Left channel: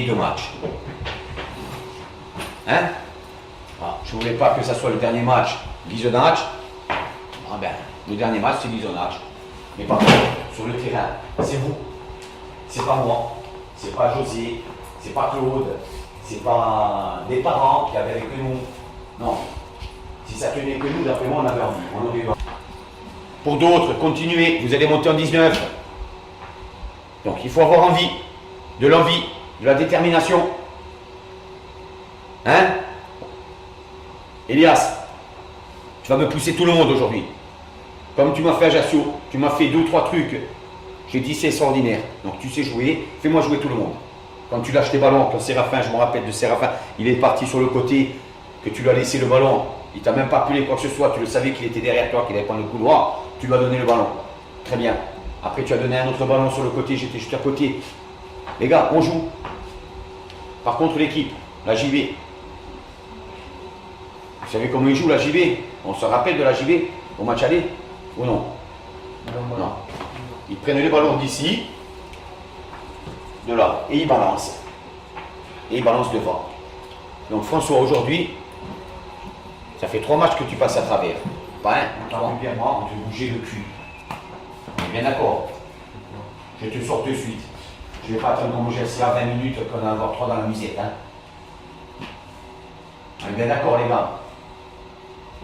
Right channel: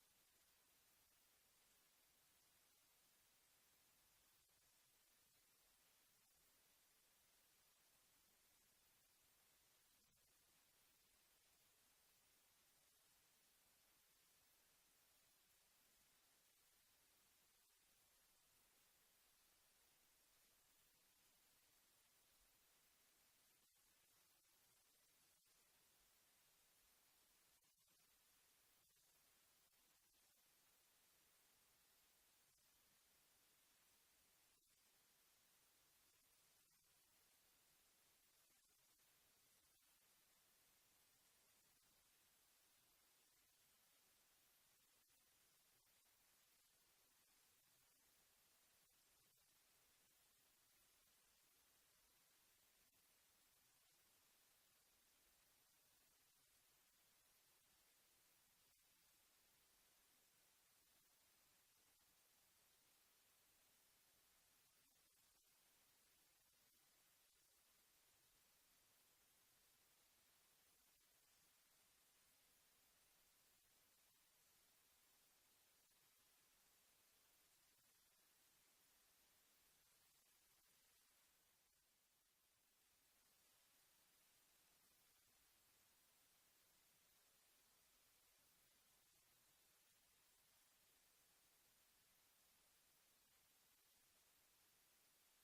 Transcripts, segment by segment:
les 2 matchs. Hein? Ah, je ne voulais pas que ça soit le dernier match visionnage. Ah ben, le dernier match, c'est visionnage. Mais par contre, sur le terrain, c'est vous. C'est pas moi. C'est pas José. C'est pas Claude. C'est pas des parents qui avaient que nous. Non. Si ça tenait que nous, d'après moi, on avait envie. On aurait... Pour d'autres, continuez. Vous allez monter en 19. Donc, il faut avoir envie. De l'envie. De la détermination. Hein? Elias, tu vas me pousser tout le monde aujourd'hui. Comme tu m'as fait Ajaccio, tu m'as fait 2 ou 3 trucs. J'ai dit c'est extraordinaire. Donc tu sais jouer, fais-moi jouer tout le monde. Quand tu lâches tes ballons, quand Séraphin, je me rappelle de Séraphin, il est parti sur le côté, que tu lui as laissé le ballon. Il t'a même pas appelé quoi que ce soit, tu le savais qu'il était derrière toi, qu'il allait prendre le couloir, tu lui as donné le ballon. Très bien. Après tu as donné un autre ballon sur le côté, j'étais juste à côté. Les gars, on joue. Par contre l'équipe, la JV. Vous savez comment ils jouent la JV? On se rappelle de la JV au match aller? Ou non? Non. Ils prennent les ballons d'ici, de là, et ils balancent. Et ils balancent devant. Donc François, aujourd'hui, ça fait 3 matchs que tu passes à travers. Pas un, régulièrement, on te bouger le cul. On est bien d'accord? Je te sors de suite. Je ne vais pas attendre qu'on bouge à 20 minutes qu'on en a avoir 3 dans la musette. Hein. On est bien d'accord les gars?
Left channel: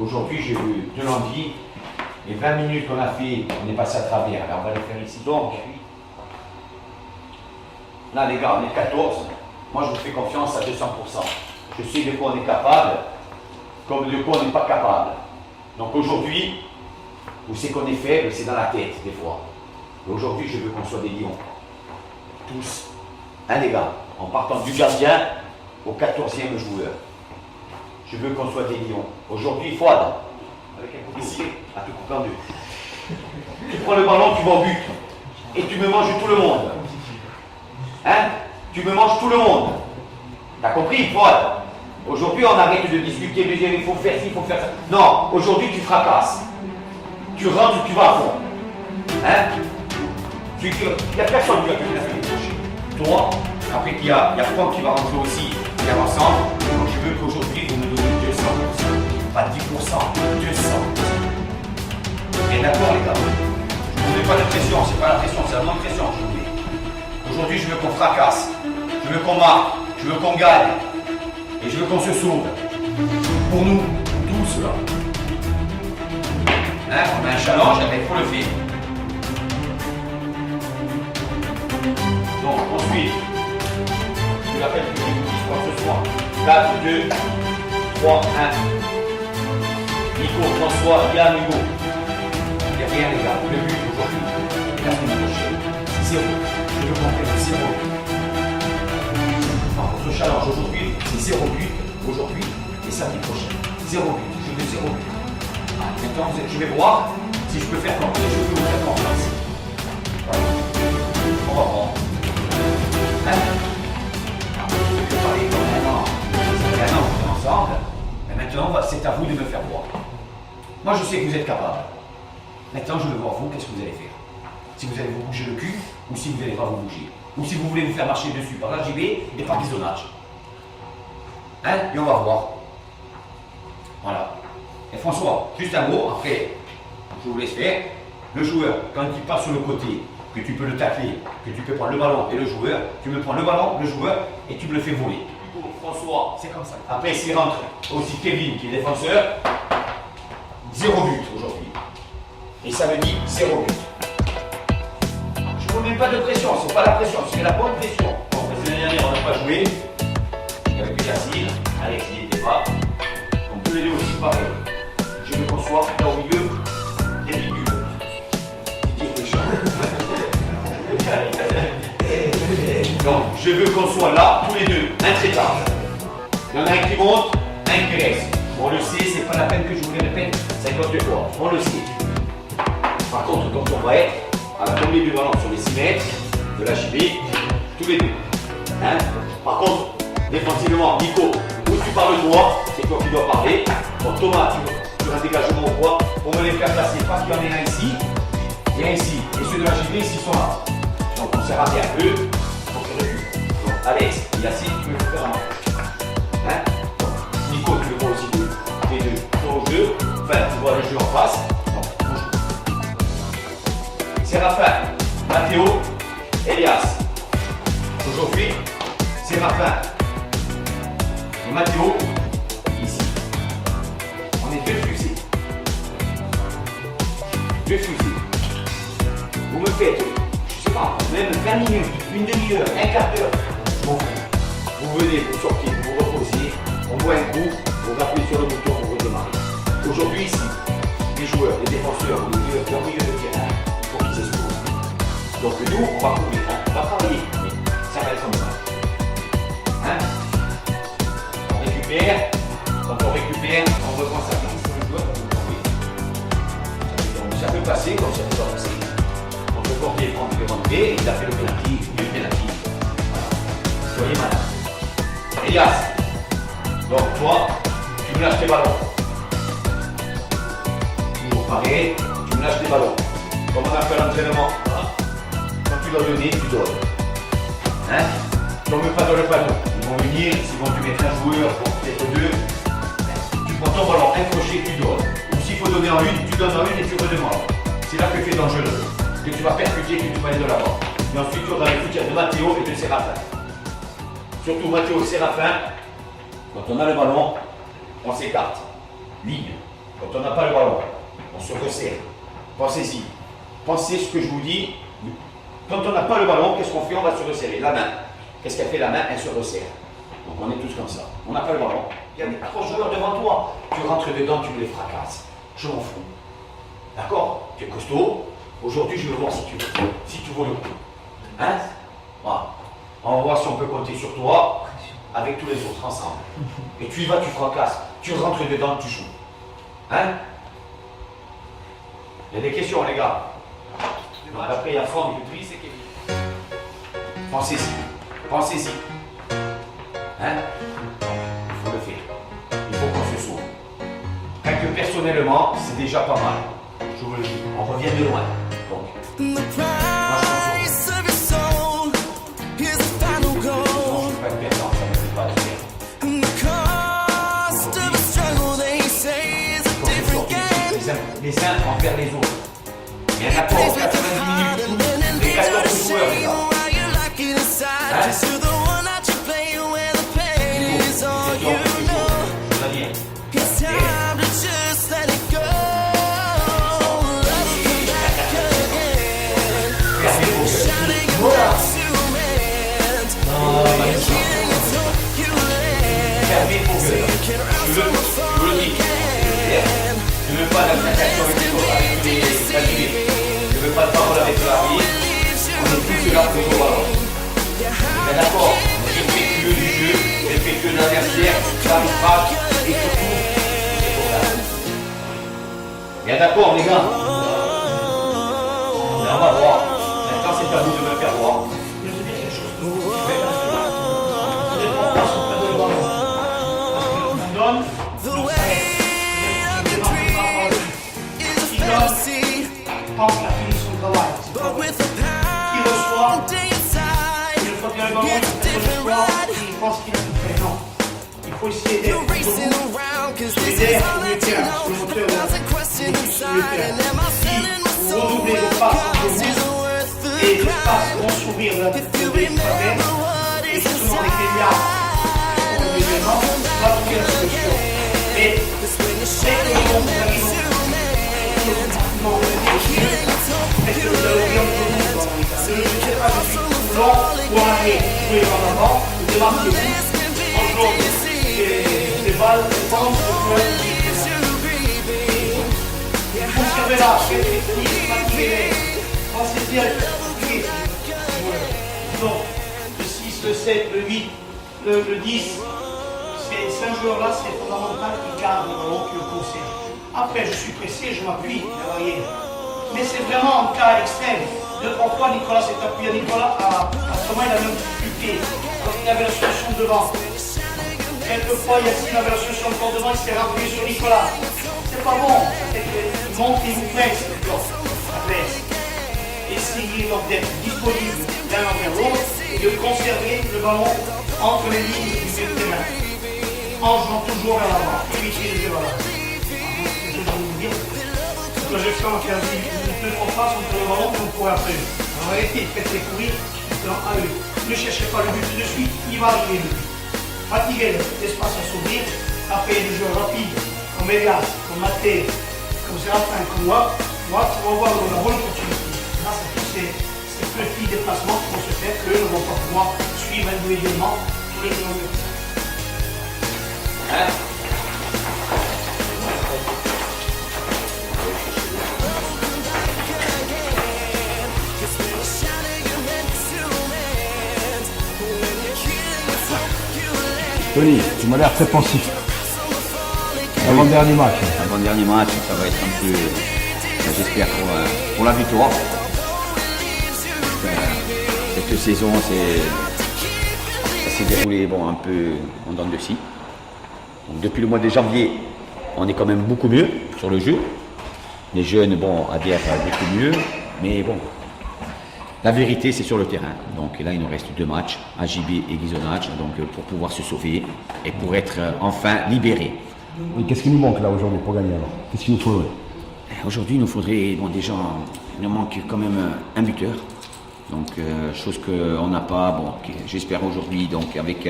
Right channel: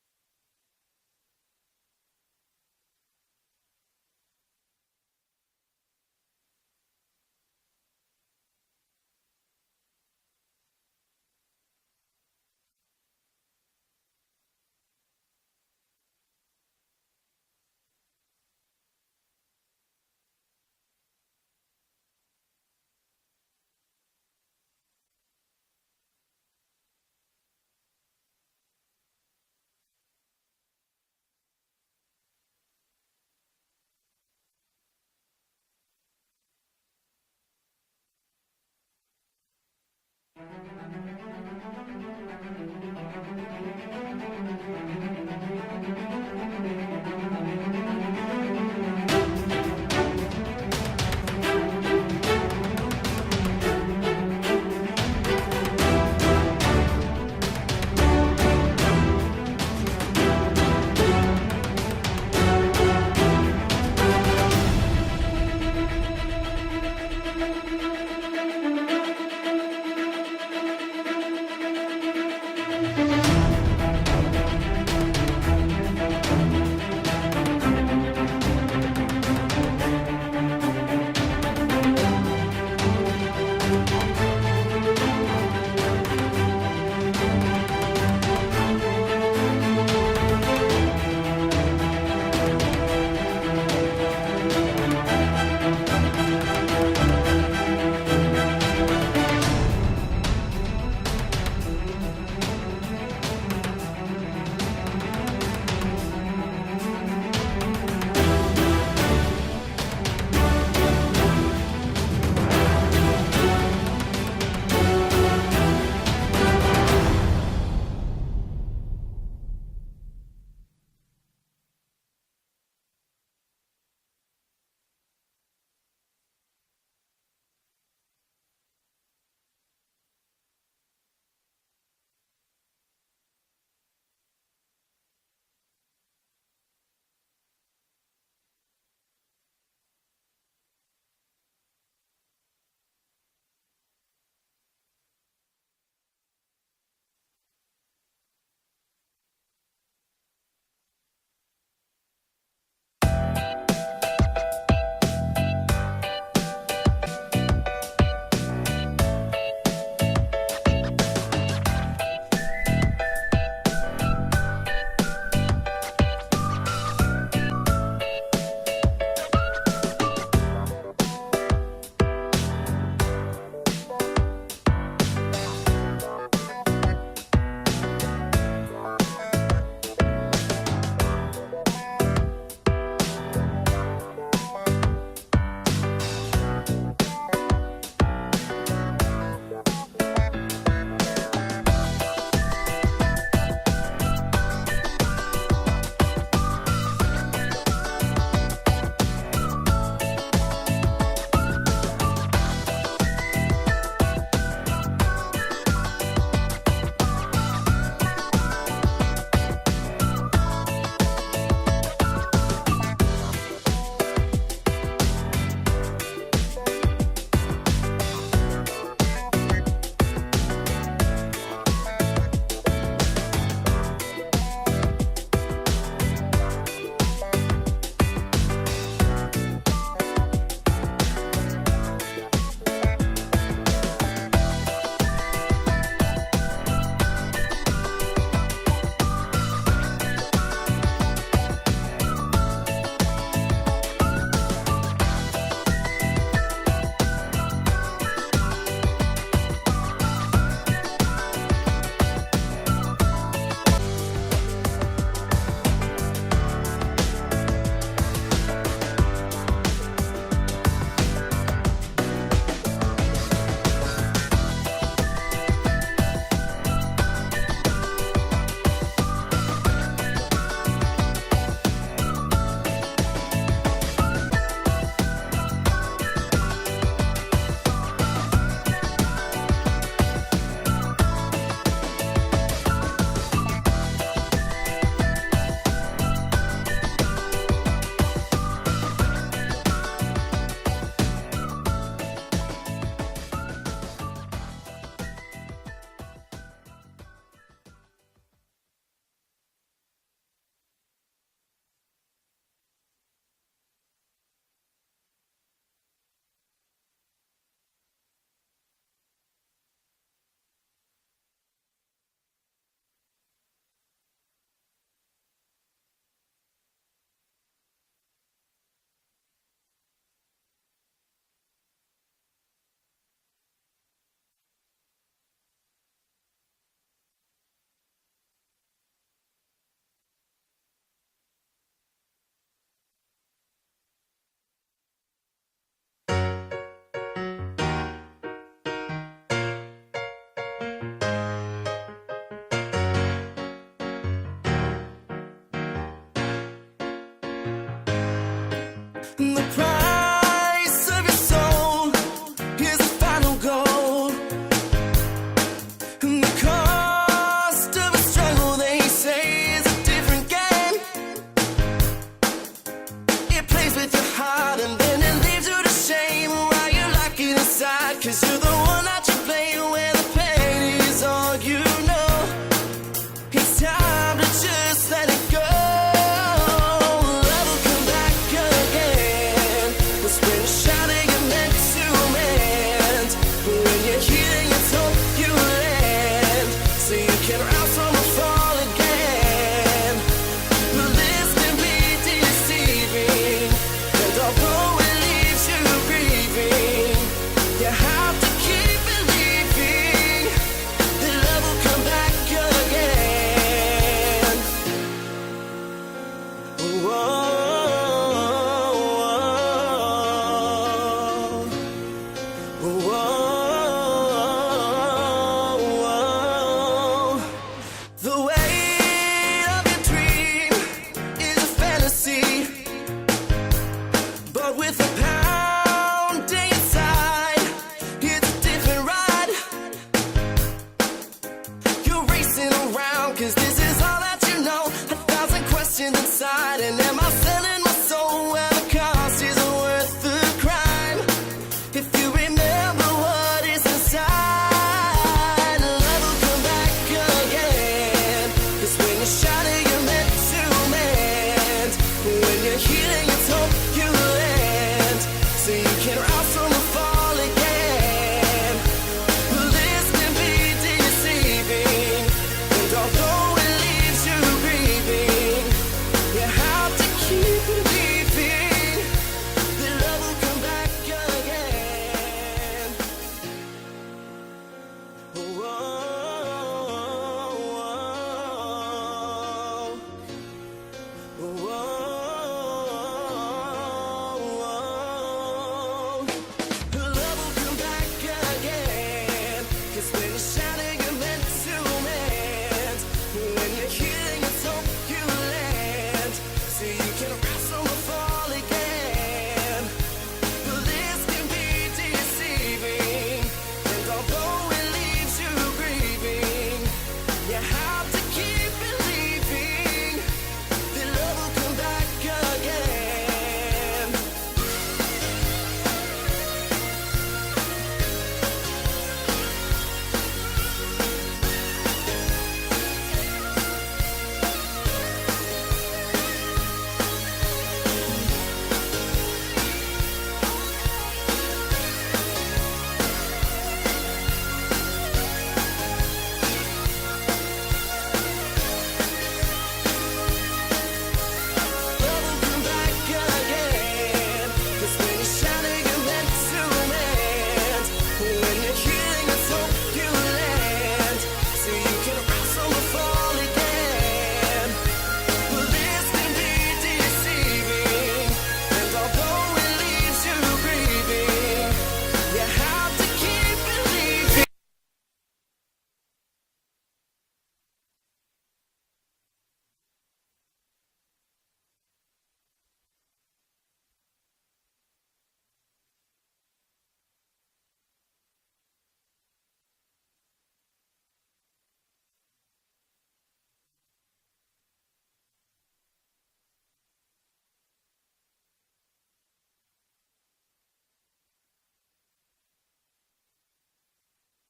Aujourd'hui, j'ai eu de l'envie. Les 20 minutes qu'on a fait, on est passé à travers. Alors, on va les faire ici. Donc, là, les gars, on est 14. Moi, je vous fais confiance à 200%. Je sais de quoi on est capable, comme de quoi on n'est pas capable. Donc, aujourd'hui, vous savez qu'on est faible, c'est dans la tête, des fois. Et aujourd'hui, je veux qu'on soit des lions. Tous. Hein, les gars? En partant du gardien au 14e joueur. Je veux qu'on soit des lions. Aujourd'hui, Fouad, avec un coup ici, à te couper en 2. Tu prends le ballon, tu vas au but. Et tu me manges tout le monde. Hein? Tu me manges tout le monde. T'as compris, Fouad? Aujourd'hui, on arrête de discuter, de dire il faut faire ci, il faut faire ça. Non, aujourd'hui, tu fracasses. Tu rentres, tu vas à fond. Hein? Il n'y a personne qui va te faire. Toi, après, il y a toi qui va rentrer aussi. On est ensemble. Donc, je veux qu'aujourd'hui, vous nous donnez 200%. Pas 10%, 200%. Et d'accord, les gars. Je ne fais pas de pression, c'est pas la pression, c'est la bonne pression aujourd'hui. Aujourd'hui, je veux qu'on fracasse. Je veux qu'on marque. Je veux qu'on gagne. Et je veux qu'on se sauve. Pour nous, pour tous là. Hein, on a un challenge, il faut le faire. Donc, ensuite, je rappelle que quand ce soir, 4, 2, 3, 1. Nico, François, il a un nouveau. Il n'y a rien, les gars. Le but aujourd'hui, zéro. Je veux qu'on fasse zéro. On se challenge aujourd'hui, c'est 0 but aujourd'hui et samedi prochain. 0 but, je veux 0 but. Maintenant, je vais voir si je peux faire comme ça. On va voir. Ensemble. Mais maintenant, c'est à vous de me faire voir. Moi, je sais que vous êtes capable. Maintenant, je veux voir vous, qu'est-ce que vous allez faire. Si vous allez vous bouger le cul, ou si vous n'allez pas vous bouger. Ou si vous voulez vous faire marcher dessus par la JB et par visionnage. Hein? Et on va voir. Voilà. Et François, juste un mot, après, je vous laisse faire. Le joueur, quand il passe sur le côté, que tu peux le tacler, que tu peux prendre le ballon et le joueur, tu me prends le ballon, le joueur, et tu me le fais voler. François, c'est comme ça. Après, s'il rentre aussi Kevin, qui est défenseur, 0 but aujourd'hui. Et ça me dit 0 but. Je ne vous mets pas de pression, c'est pas la pression, c'est la bonne pression. L'année dernière, on n'a pas joué. Avec Cassis, Alex, il n'était pas. On peut l'aider aussi pareil. Je veux qu'on soit au milieu des milieux. Donc, je veux qu'on soit là, tous les deux, intraitables. Il y en a un qui monte, un qui reste. On le sait, c'est pas la peine que je vous le répète, c'est notre fois. On le sait. Par contre, quand on va être à la tombée du ballon sur les 6 mètres de la JB, tous les deux. Hein? Par contre, défensivement, Nico, tu parles de moi, c'est toi qui dois parler. Donc Thomas, tu vas dégager mon poids pour me les faire placer parce qu'il y en a ici et ici. Et ceux de la JB, ils sont là. Donc on s'est raté un peu. Donc, Alex, il a Surtout Mathieu Séraphin, quand on a le ballon, on s'écarte. Ligne. Quand on n'a pas le ballon, on se resserre. Pensez-y. Pensez ce que je vous dis. Quand on n'a pas le ballon, qu'est-ce qu'on fait? On va se resserrer. La main. Qu'est-ce qu'elle fait la main? Elle se resserre. Donc on est tous comme ça. On n'a pas le ballon. Il y a des 3 joueurs devant toi. Tu rentres dedans, tu me les fracasses. Je m'en fous. D'accord? Tu es costaud. Aujourd'hui, je veux voir si tu vaux le coup. Hein? Voilà. On va voir si on peut compter sur toi avec tous les autres ensemble. Et tu y vas, tu fracasses. Tu rentres dedans, tu joues. Hein? Il y a des questions, les gars. Donc après, il y a Franck, Patrice et Kevin. Pensez-y. Pensez-y. Hein? Il faut le faire. Il faut qu'on se sauve. Rien que personnellement, c'est déjà pas mal. Je vous le dis. On revient de loin. Donc. The price of your soul is the final goal. And the cost of a struggle, they say, is a different game. Les uns envers les autres. It plays with your heart and then it leaves you to shame while you lock it inside. Cause you're the one that you play where the pain is all you know. It's time to just let it go. Love will come back again. It's when you're shining and meant to mend. When you're healing, it's hope you land. So you can rise from a fall again. This can be deceiving. Although it leaves you grieving, you have to keep believing that love will come back again. Bien d'accord, les gars. On va voir. Quand c'est à vous de me le faire voir. The weight of your dream is a fantasy, but with a pounding inside, it's a different ride. You're racing around, cause this is all that you know. 1,000 questions inside, and am I selling my soul? Well, the cost isn't worth the crime. If you remember what is inside, love will come back again. Cause when you're shining, you're meant to mend. When you're healing, it's hope you land. So you can rise from the fall again. But this can be deceiving. And although it leaves you grieving, you have to keep believing that love will come back again. Le 6, le 7, le 8, le 10, ce jour-là, c'est fondamental qui cadre donc le procès. Après, je suis pressé, je m'appuie, vous voyez. Mais c'est vraiment un cas extrême. Pourquoi Nicolas s'est appuyé? Nicolas comment il a même difficulté. Il avait la solution devant. Quelquefois, il avait la solution devant, il s'est rentré sur Nicolas. C'est pas bon. Monte et vous faites. Essayez donc d'être disponible l'un envers l'autre, de conserver le ballon entre les lignes, en jouant toujours à l'avant. Vous voyez qu'il fait ses courir dans un but. Ne cherchez pas le but tout de suite, il va arriver le but. Fatiguez l'espace à s'ouvrir, après le jeu rapide, comme Elia, comme Mathé, comme Séraphin, comme moi, on va voir le rôle continue. C'est tout le suivi des placements qui vont se faire, eux ne vont pas pouvoir suivre individuellement les kilomètres. Love will come back again. 'Cause when you're shining, you're meant to mend. When you're healing, it's hope you land. Oui, tu m'as l'air très pensif. You can rise from the fall again. Avant-dernier match. Mon dernier match, ça va être un peu, j'espère, pour la victoire. Although it leaves you grieving, Cette saison, have to keep believing. c'est déroulé bon, un peu en dents de scie. Donc, depuis le mois de janvier, on est quand même beaucoup mieux sur le jeu. Les jeunes bon, adhèrent beaucoup mieux, mais bon, la vérité c'est sur le terrain. Donc là, il nous reste 2 matchs, AJB et Ghisonaccia, donc pour pouvoir se sauver et pour être enfin libérés. Et qu'est-ce qui nous manque là aujourd'hui pour gagner alors? Qu'est-ce qu'il nous faudrait? Aujourd'hui, il nous faudrait, bon déjà, il nous manque quand même un buteur. Donc, chose qu'on n'a pas, bon, j'espère aujourd'hui, donc avec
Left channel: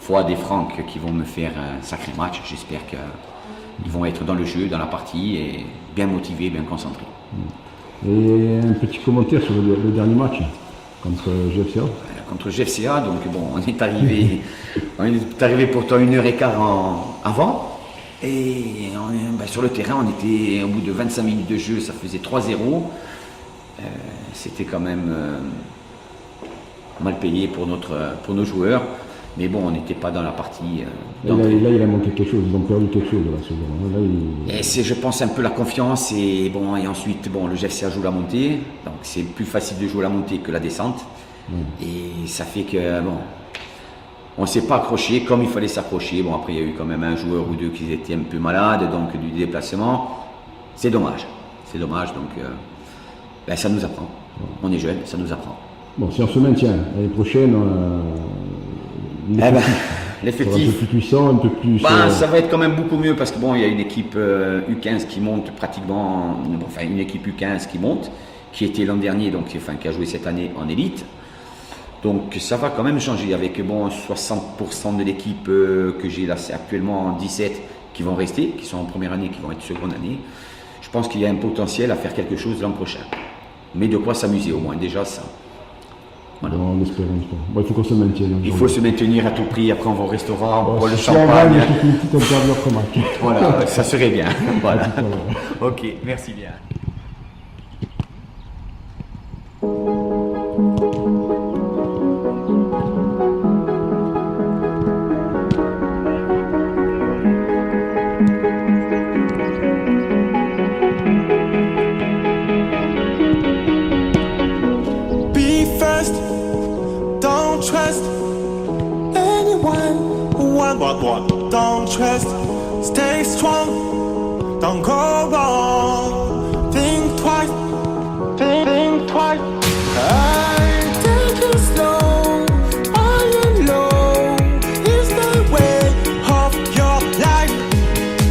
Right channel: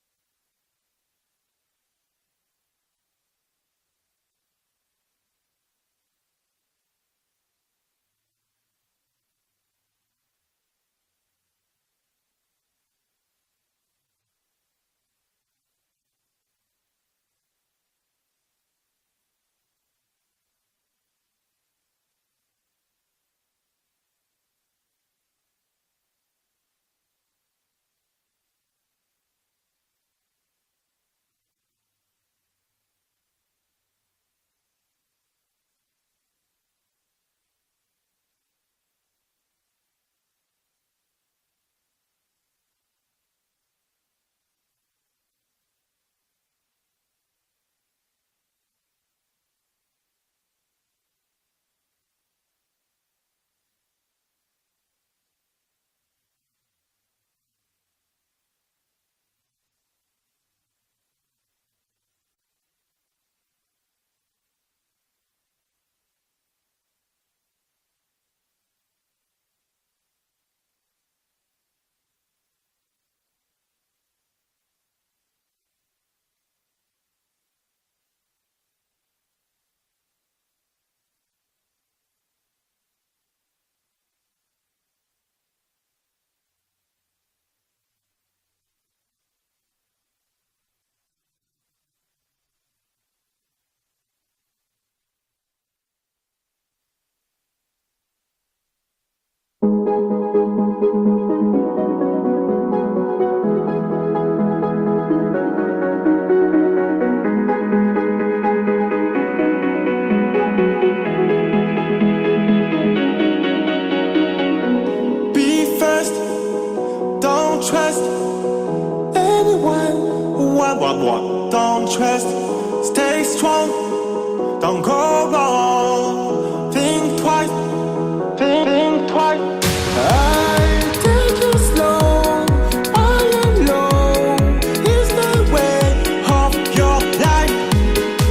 Fouad et Franck qui vont me faire un sacré match, j'espère qu'ils vont être dans le jeu, dans la partie, et bien motivés, bien concentrés. Et un petit commentaire sur le dernier match contre GFCA. Contre GFCA, donc bon, on est arrivé pourtant 1h15 avant. Et sur le terrain, on était au bout de 25 minutes de jeu, ça faisait 3-0. C'était quand même mal payé pour nos joueurs. Mais bon, on n'était pas dans la partie. Là, il a manqué quelque chose, ils ont perdu quelque chose de la seconde. Et c'est, je pense, un peu la confiance. Et ensuite, le GFCA joue la montée. Donc c'est plus facile de jouer la montée que la descente. Et ça fait que, on ne s'est pas accroché comme il fallait s'accrocher. Bon, après, il y a eu quand même un joueur ou deux qui étaient un peu malades, donc du déplacement. C'est dommage. C'est dommage, donc ça nous apprend. On est jeune, ça nous apprend. Bon, si on se maintient, l'année prochaine, l'effectif un peu plus puissant, un peu plus... Ça va être quand même beaucoup mieux parce que il y a une équipe U15 qui monte pratiquement, une équipe U15 qui monte, qui était l'an dernier, donc qui a joué cette année en élite. Donc ça va quand même changer avec 60% de l'équipe que j'ai là, c'est actuellement 17 qui vont rester, qui sont en première année, qui vont être seconde année. Je pense qu'il y a un potentiel à faire quelque chose l'an prochain. Mais de quoi s'amuser au moins, déjà ça. Voilà. Bon, on espère. Bon, il faut qu'on se maintienne. Il faut se maintenir à tout prix, après on va au restaurant, on boit le si champagne. Il faut une petite interview après match. Voilà, ça serait bien. Voilà. Ok, merci bien. Be first, don't trust anyone. What? Don't trust, stay strong, don't go wrong. Think twice, think twice. I take it slow, high and low. Is the way of your life.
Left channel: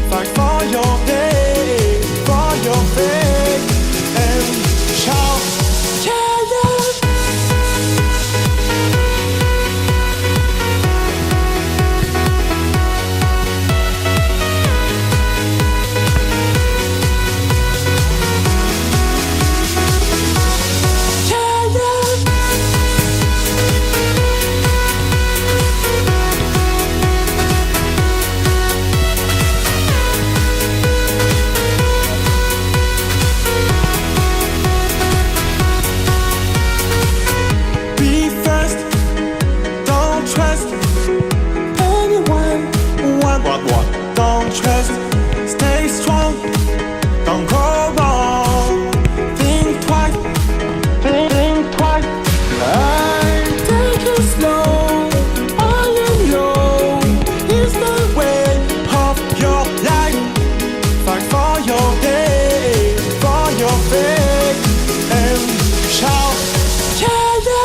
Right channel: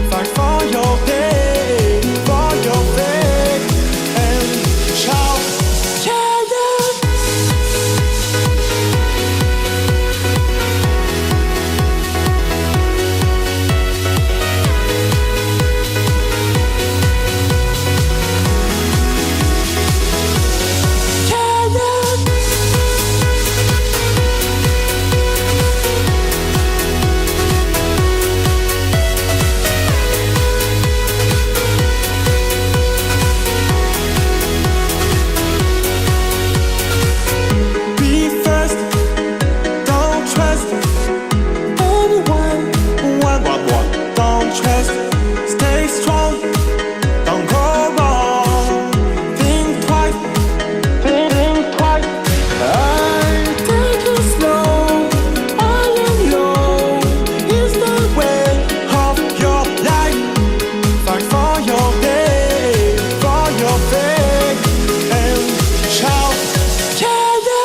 Fight for your day, for your faith, and shout, yeah, yeah. Be first, don't trust anyone. What? Don't trust, stay strong, don't go wrong. Think twice, think twice. I take it slow, high and low. Is the way of your life. Fight for your day, for your faith, and shout, yeah, yeah.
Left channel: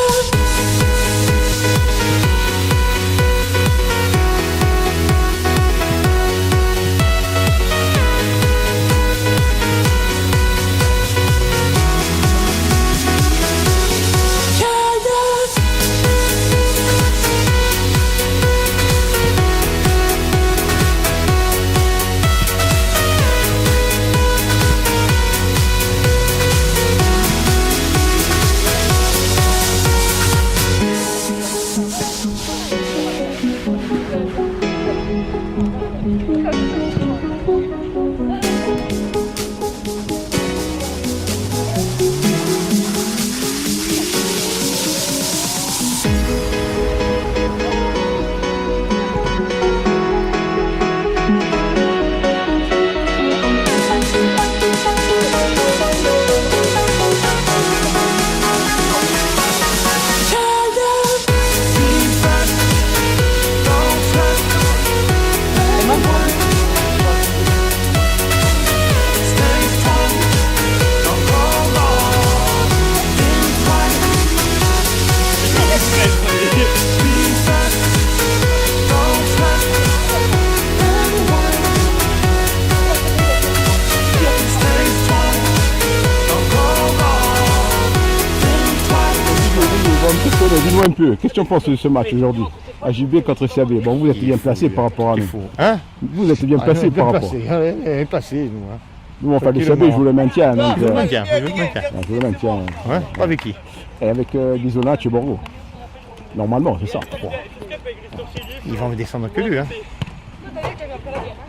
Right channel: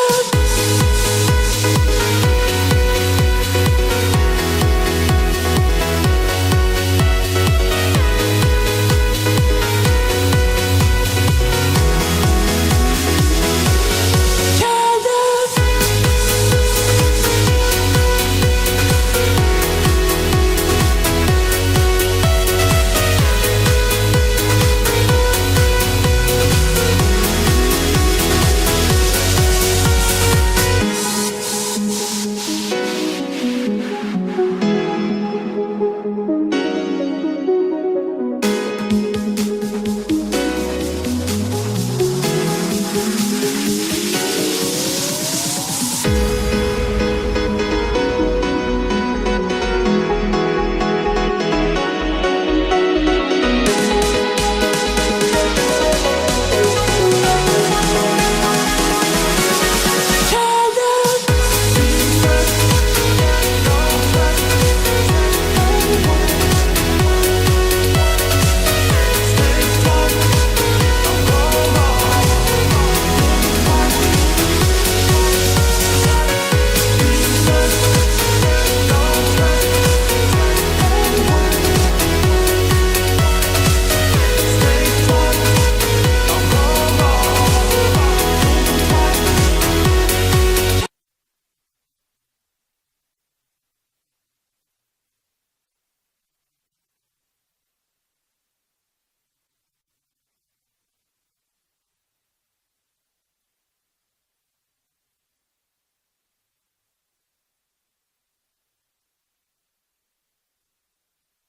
un peu. Qu'est-ce que tu penses de ce match aujourd'hui? AJB contre CAB. Bon, vous êtes bien placé par rapport à nous. Hein? Vous êtes bien placé par rapport. Bien placé, nous. Hein. Nous, enfin, le CAB joue le maintien. Donc, Je le maintiens, je le maintiens. joue le maintien. Ouais, avec qui? Et avec Ghisonacci et Borgo. Normalement, c'est ça. Ils vont me descendre que lui. Hein.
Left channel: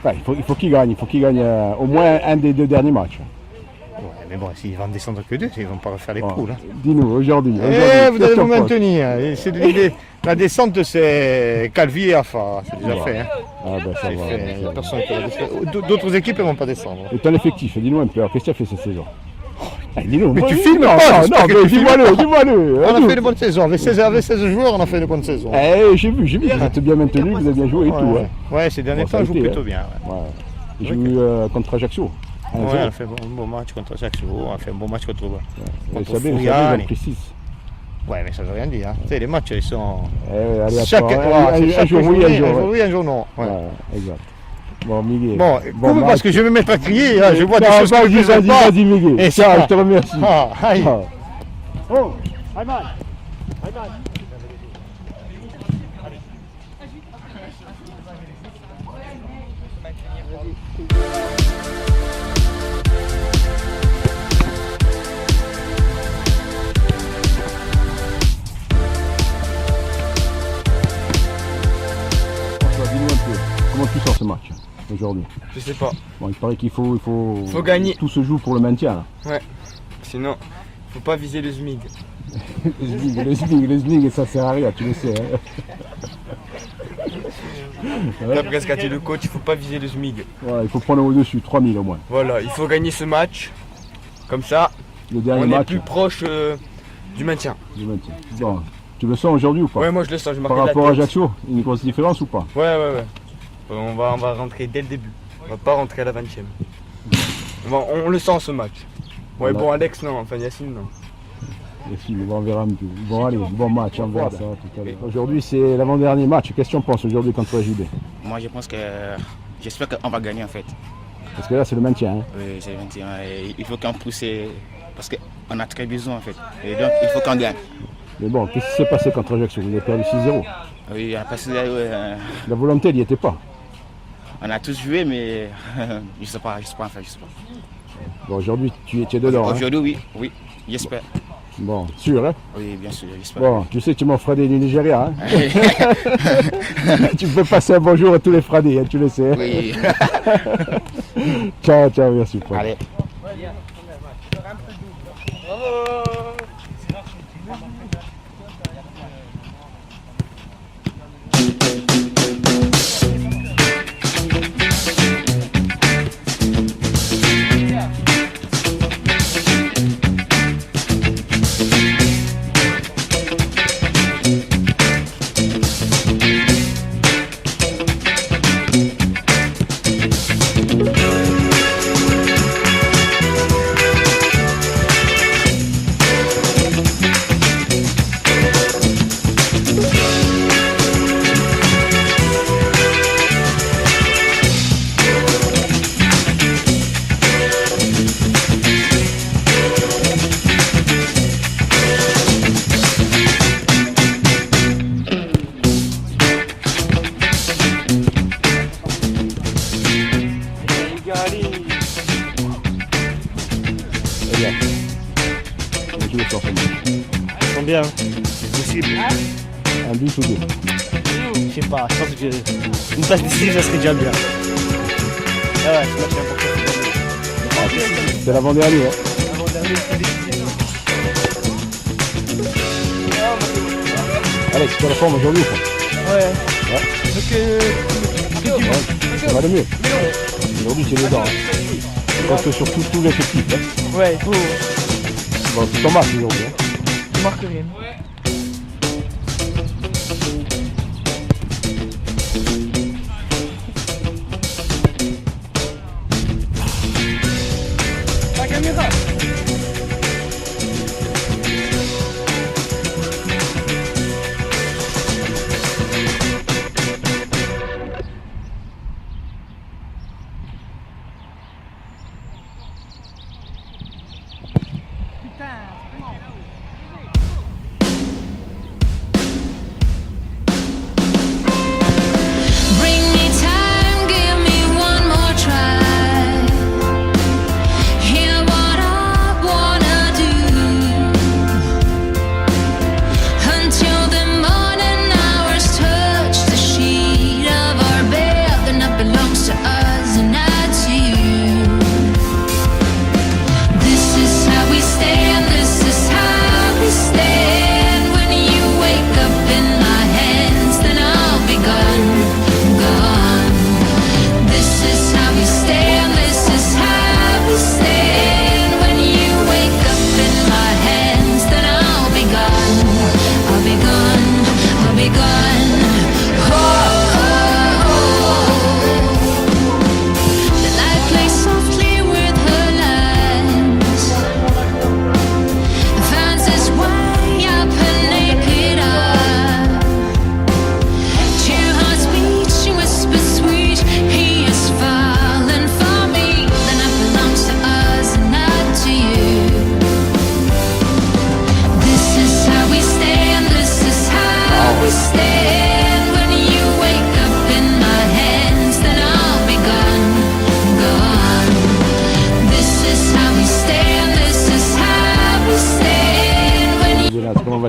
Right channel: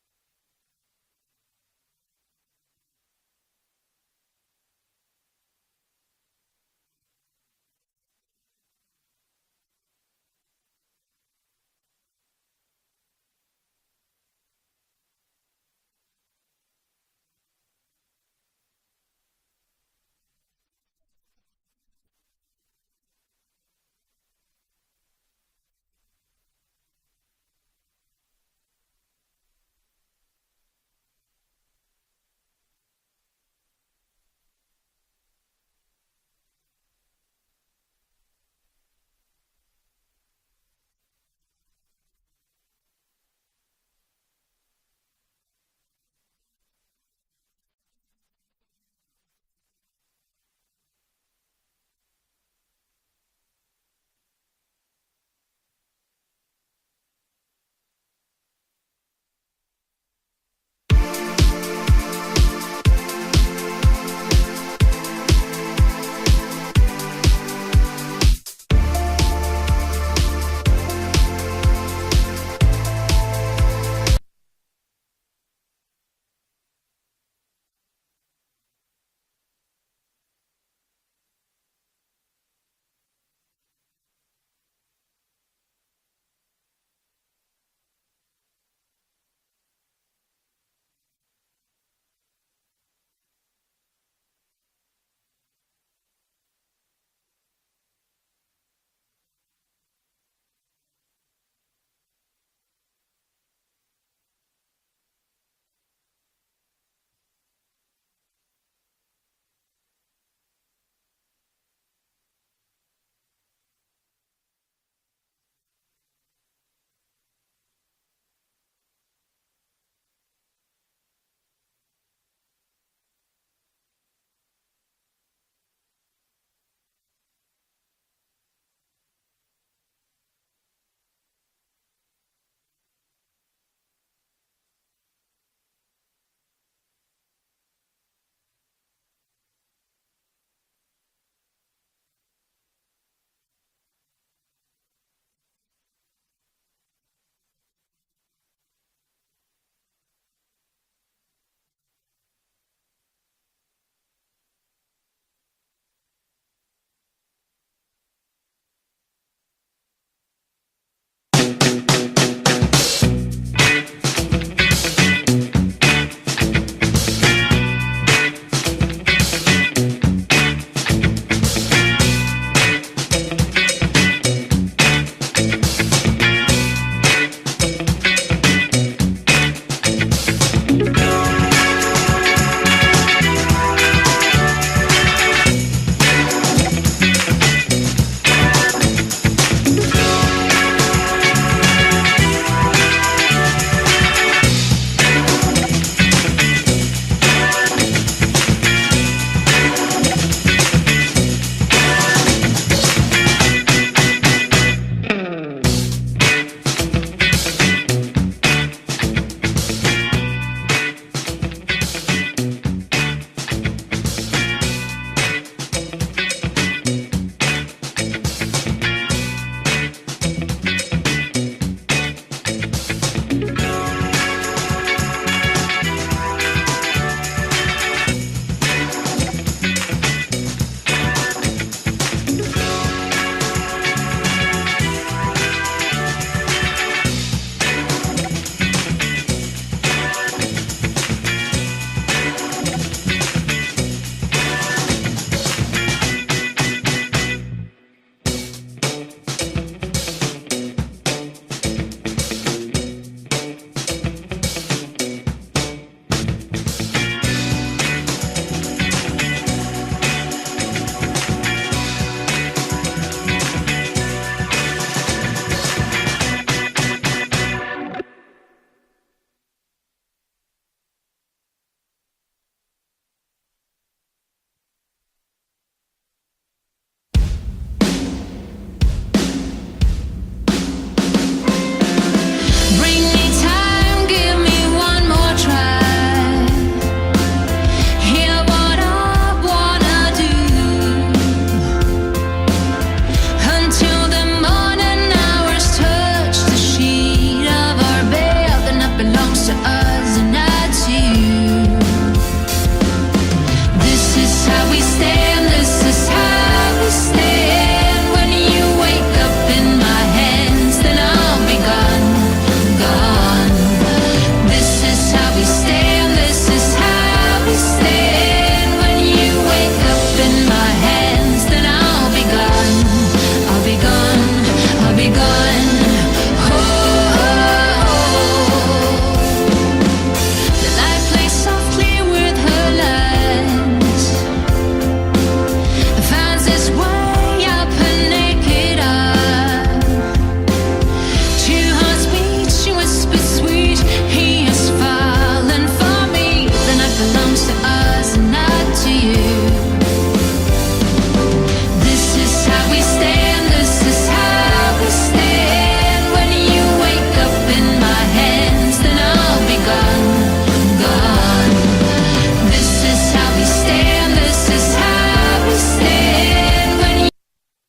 Enfin, il faut qu'il gagne. Il faut qu'il gagne au moins un des 2 derniers matchs. Ouais, mais bon, s'ils vont descendre que 2, ils vont pas refaire les poules. Hein. Dis-nous, aujourd'hui. Eh, vous qu'est-ce allez que vous tu en penses? maintenir. Et c'est de l'idée. La descente, c'est Calvi et Afa. C'est déjà fait. Hein. Ah ben ça C'est va. fait. Il n'y a personne qui va descendre. D'autres équipes ne vont pas descendre. Et ton effectif, dis-nous un peu. Alors, qu'est-ce que tu as fait cette saison? Dis-nous. Mais tu Oui, filmes non, pas, non, j'espère non, que mais tu filmes dis-moi-le, pas. dis-moi-le. On a fait une bonne saison. Avec 16 joueurs, on a fait une bonne saison. J'ai vu, vous êtes bien maintenu, vous avez bien joué et tout. Ouais, Hein. ouais, ces derniers Bon, ça temps, a on joue été, plutôt hein. bien. Ouais. Ouais. J'ai eu contre Ajaccio. 1-0. Ouais, on a fait un bon match contre Ajaccio, on a fait un bon match contre Et contre Sabé, Furiani. ils ont pris 6. Ouais, mais ça veut rien dire. Hein. Tu sais, les matchs, ils sont. Allez, Chaque, un jour oui, un jour. oui, un jour non. Ouais. Ouais, exact. Bon, Miguel. Bon, coupe parce que je vais me mettre à crier, hein, je vois des Non, choses que je ne vas-y, sais pas. vas-y, Miguel. Et Tiens, ça. je te remercie. Ah, aïe. Ah. Comment tu sors ce match aujourd'hui? Je sais pas. Bon, il paraît qu'il faut gagner. Tout se joue pour le maintien. Là. Sinon, faut pas viser le SMIG. Le SMIG, ça sert à rien, tu le sais. Hein. D'après ce qu'a dit le coach, il faut pas viser le SMIG. Voilà, il faut prendre au-dessus, 3000 au moins. Voilà, il faut gagner ce match. Comme ça, Le dernier on est match plus proche du maintien. du maintien. Bon, tu le sens aujourd'hui ou pas? Ouais, moi je le sens, je marque Par de la rapport à tête. Ajaccio, une grosse différence ou pas? Ouais. On va rentrer dès le début. On va pas rentrer à la 20e. On le sent ce match. Ouais, Voilà. bon, Alex, non. Enfin, Yacine, non. Et si, on verra un peu. Bon, allez, bon match, on verra ça tout à l'heure. Aujourd'hui, c'est l'avant-dernier match. Qu'est-ce que tu en penses aujourd'hui contre JB? Moi, je pense que j'espère qu'on va gagner en fait. Parce que là, c'est le maintien. Hein. Oui, c'est le 21. Et il faut qu'on pousse parce qu'on a très besoin en fait. Et donc, il faut qu'on gagne. Mais bon, qu'est-ce qui s'est passé contre Ajaccio? Vous avez perdu 6-0. Oui, on a passé, La volonté, il n'y était pas. on a tous joué, mais je sais pas en fait, je sais pas. Bon, aujourd'hui, tu es dedans. Hein. Aujourd'hui, oui, j'espère. Bon, sûr, hein? Oui, bien sûr, j'espère. Bon, tu sais que tu m'en feras des du Nigeria. Hein? Tu peux passer un bonjour à tous les Fradés, hein, tu le sais. Hein? Oui. Ciao, merci. Paul. Allez. Tu le sors comment? Combien? Un but ou deux? Je sais pas, je pense que une statistique, ça serait déjà bien. C'est l'avant-dernier. Hein. Allez, tu te la forme aujourd'hui? Ouais. Ça va le mieux. Aujourd'hui, c'est dedans. Je pense que sur tous les équipes. Hein. Ouais, il faut. Bon, c'est ton match aujourd'hui. Hein. Marque rien.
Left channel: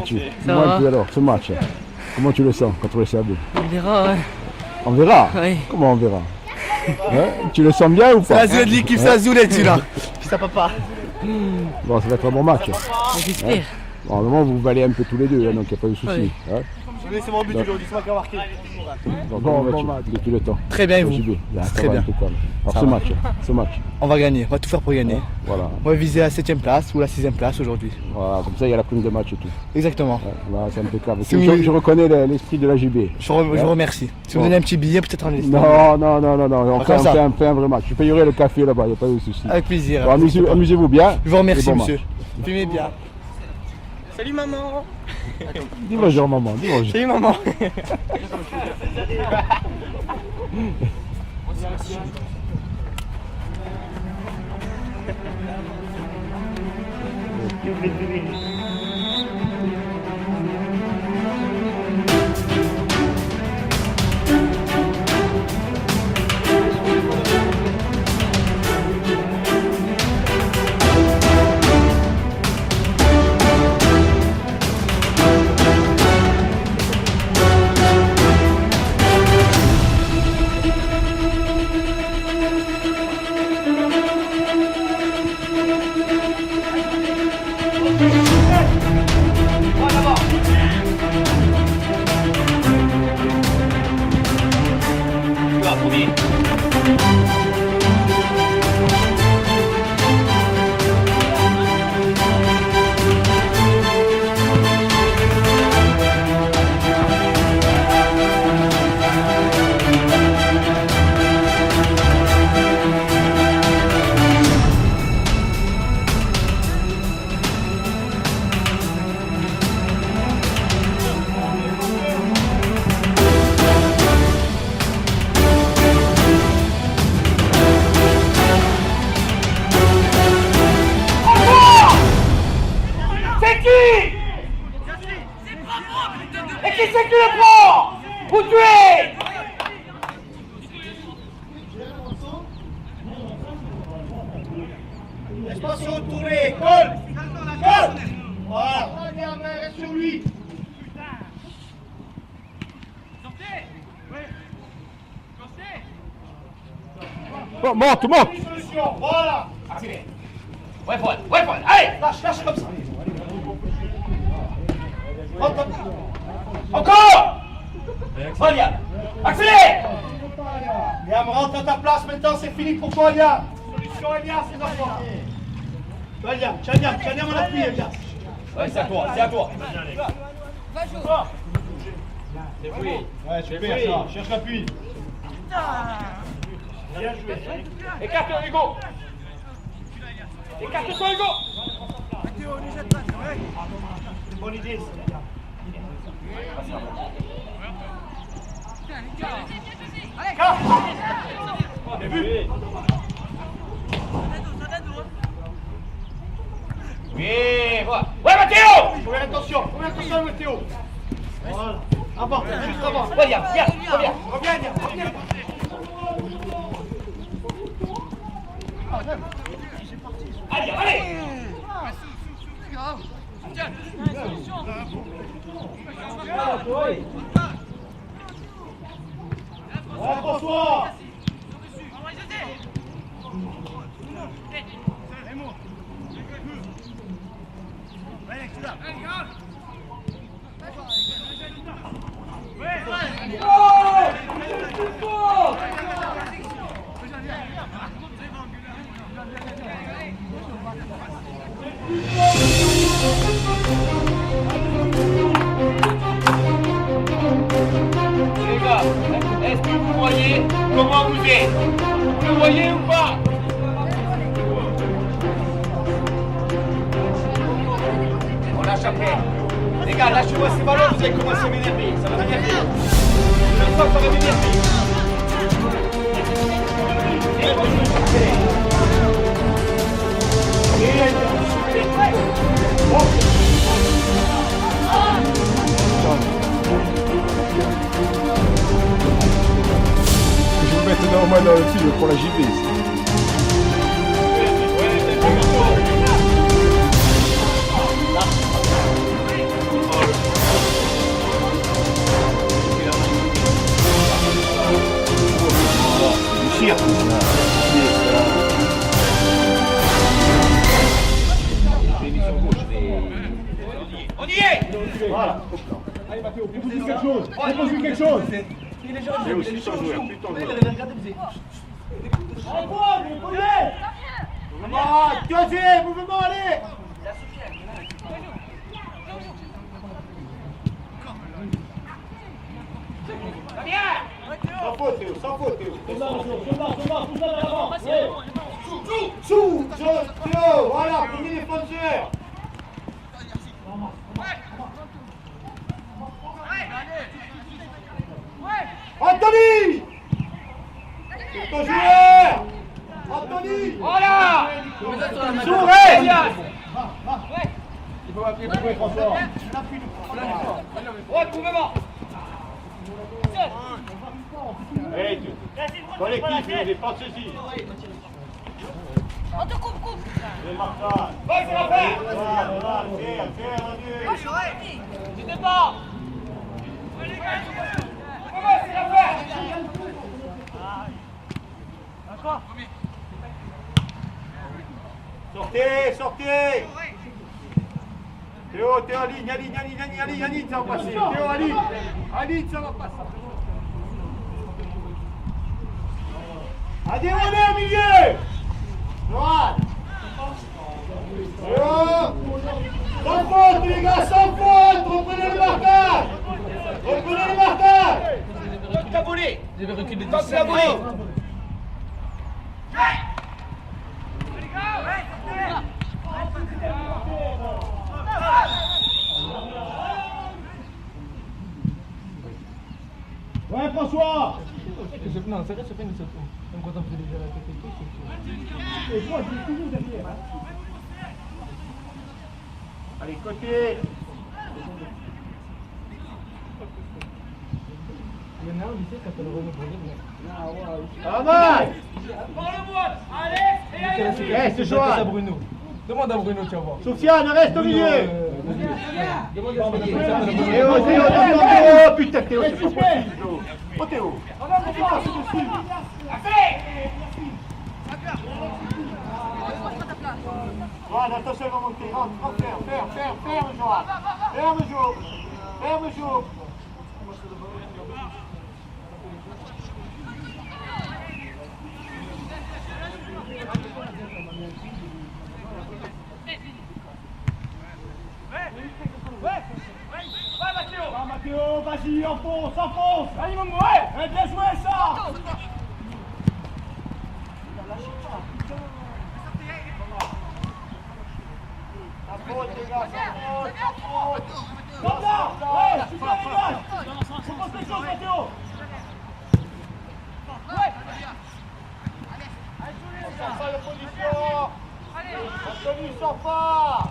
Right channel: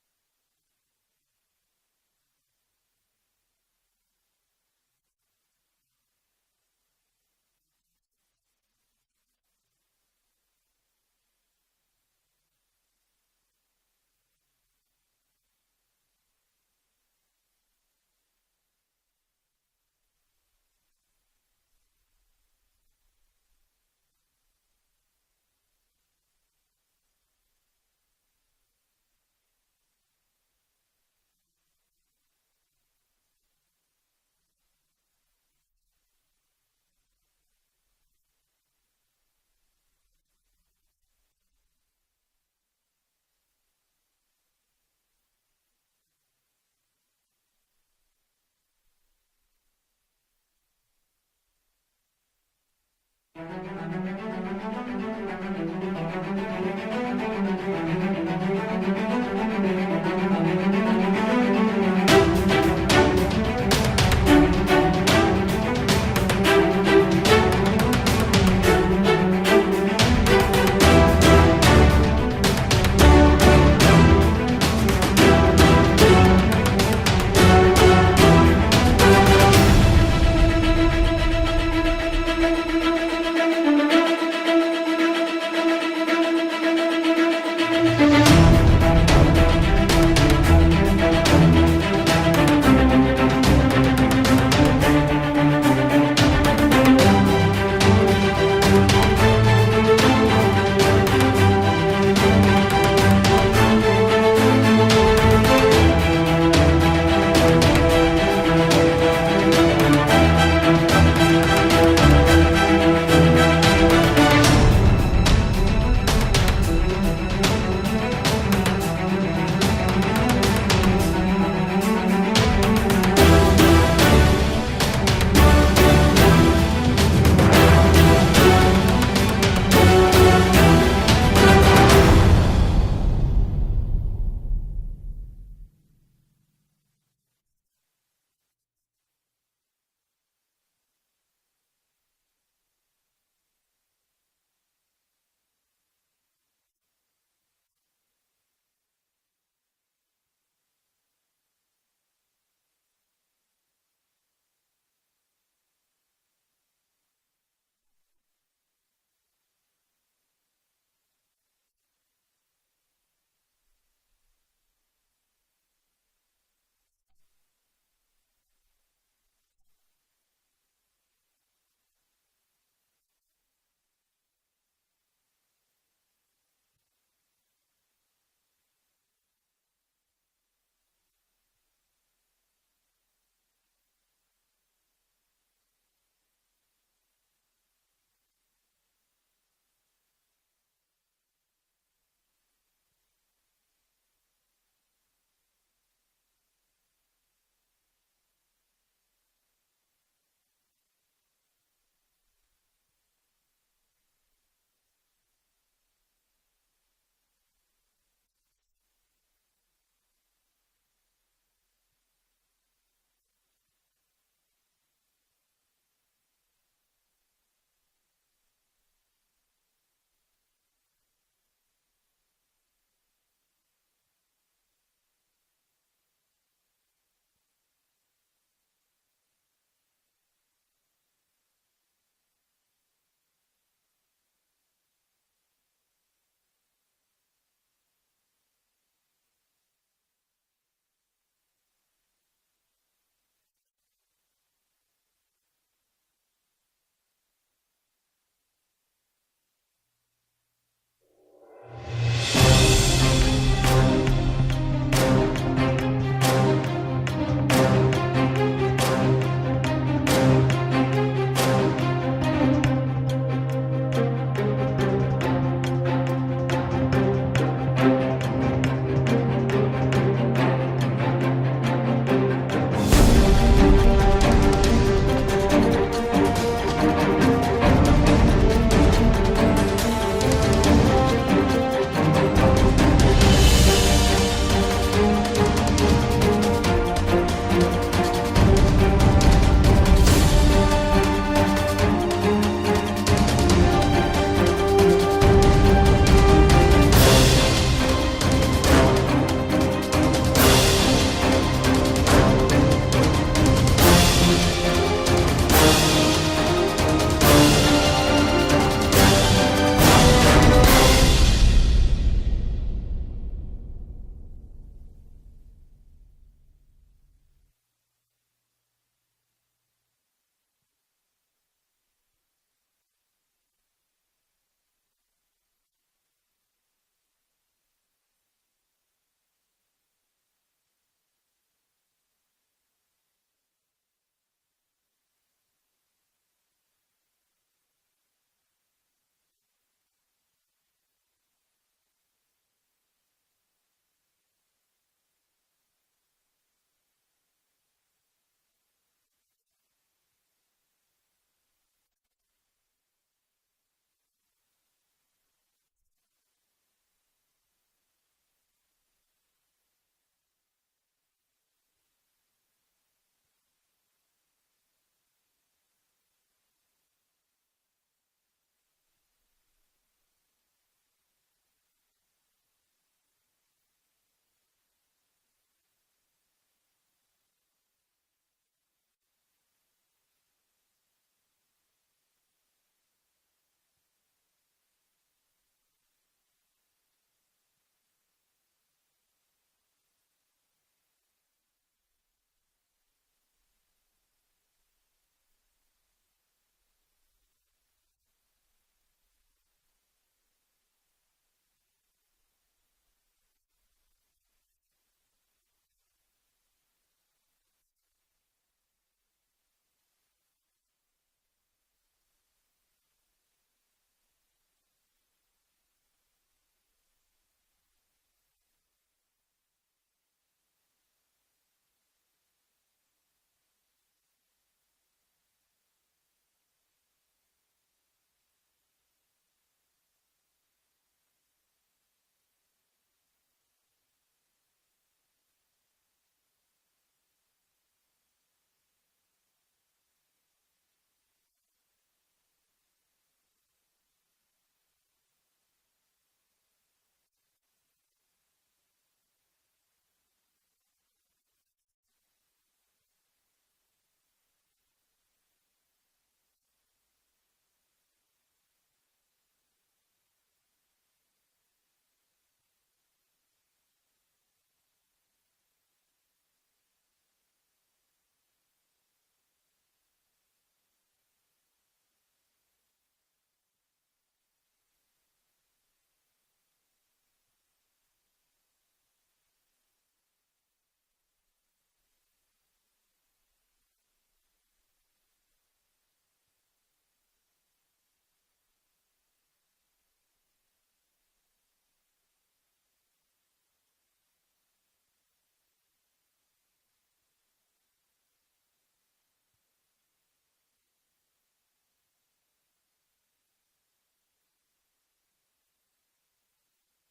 vas-tu? Dis-moi un peu alors, ce match. Comment tu le sens contre le CAB? On verra, ouais. On verra? Oui. Comment on verra? Hein, tu le sens bien ou pas? La zone de l'équipe, ça zoulette celui-là. Puis ça papa. Bon, ça va être un bon match. J'espère. Bon, normalement, vous valez un peu tous les deux, hein, donc il n'y a pas de souci. Oui. Hein. C'est mon but aujourd'hui, c'est moi qui ai marqué. Donc, bon match depuis le temps. Très bien, et vous? Très bien. Alors Ça ce match, On va gagner, on va tout faire pour gagner. voilà. On va viser la 7ème place ou la 6ème place aujourd'hui. Voilà, comme ça il y a la prime de match et tout. Exactement. Ouais, là, c'est impeccable. Si Je reconnais l'esprit de la JB. Je vous remercie. Si vous me donnez un petit billet, peut-être en laisse. Non, on comme ça. fait un vrai match. Je payerai le café là-bas, il n'y a pas de souci. Avec plaisir. Bon, amusez-vous bien. Je vous remercie, Et bon monsieur. match. Fumez bien. Salut maman. Dis bonjour maman, dis bonjour. Salut maman. C'est qui? Et qui c'est qui le prend? Où tu es? Laisse-moi se retourner. Colle. Colle. Voilà. Reste sur lui. Bon, monte. Voilà. Accélère. Ouais, Paul. Allez, lâche comme ça. Encore. Liam, accélère. Liam, rentre à ta place maintenant, c'est fini pour toi, Liam. Solution, Elias, c'est d'abord. Tu vois, Liam, tiens, mon appui, Elias. Ouais, c'est à toi. Ouais, super, ça. Cherche l'appui. Bien joué. Écarte-toi, Hugo. Écarte-toi, Hugo. C'est une bonne idée, ça. Allez, début. Oui, voilà. Ouais, Mathéo. Faut faire attention, Mathéo. Voilà. Avant, juste avant. Reviens. Reviens. Allez. François. Est-ce que vous voyez comment vous êtes? Vous le voyez ou pas? On lâche après. Les gars, lâchez-moi ce ballon, vous allez commencer à m'énerver. Ça va bien faire. Une fois qu'on va m'énerver. Pour la JB. Voilà. Allez Mathéo, propose-lui quelque chose. Propose-lui quelque chose. C'est aussi ton joueur, plus ton joueur. Allez, mouvement, deuxième, mouvement, allez. Sans faute, Théo, sans faute, Théo. Sous, Théo, voilà, premier défenseur. Anthony! C'est ton joueur! Anthony! Voilà! Sourez! Il faut appuyer François. Hey, collectif, il défense ici. On te coupe. C'est Martin. Ouais, c'est la paix. Voilà, Du départ. Sortez! Théo, Aline, ça va passer. Théo, Aline, ça va passer. Allez, on est au milieu. Droite. Théo. Sans faute, les gars, sans faute. Reprenez le marquage. Caboulet. Je vais reculer Top Caboulet. Ouais, François. Non, c'est vrai, c'est pas une sauce. Même quand on fait déjà la tête et tout, Et moi, je suis toujours derrière. Allez, côté. il y en a un au lycée qui s'appelle Renaud Brunet. Pas mal. Allez, c'est Johan. à Bruno. Demande à Bruno, tu vas voir. Sofiane, reste au milieu. Demande à Bruno. Théo, putain, Théo, c'est pas possible. Oh, Théo. Johan, attention, il va monter. Rentre, ferme, Johan. Ferme, Jo. Mathéo, vas-y, enfonce. Allez, mon ouais. Bien joué, ça. La faute, les gars, sans faute. Comme là. Ouais, super, les gars. Propose quelque chose, Mathéo. Sors pas de position. Anthony, sors pas.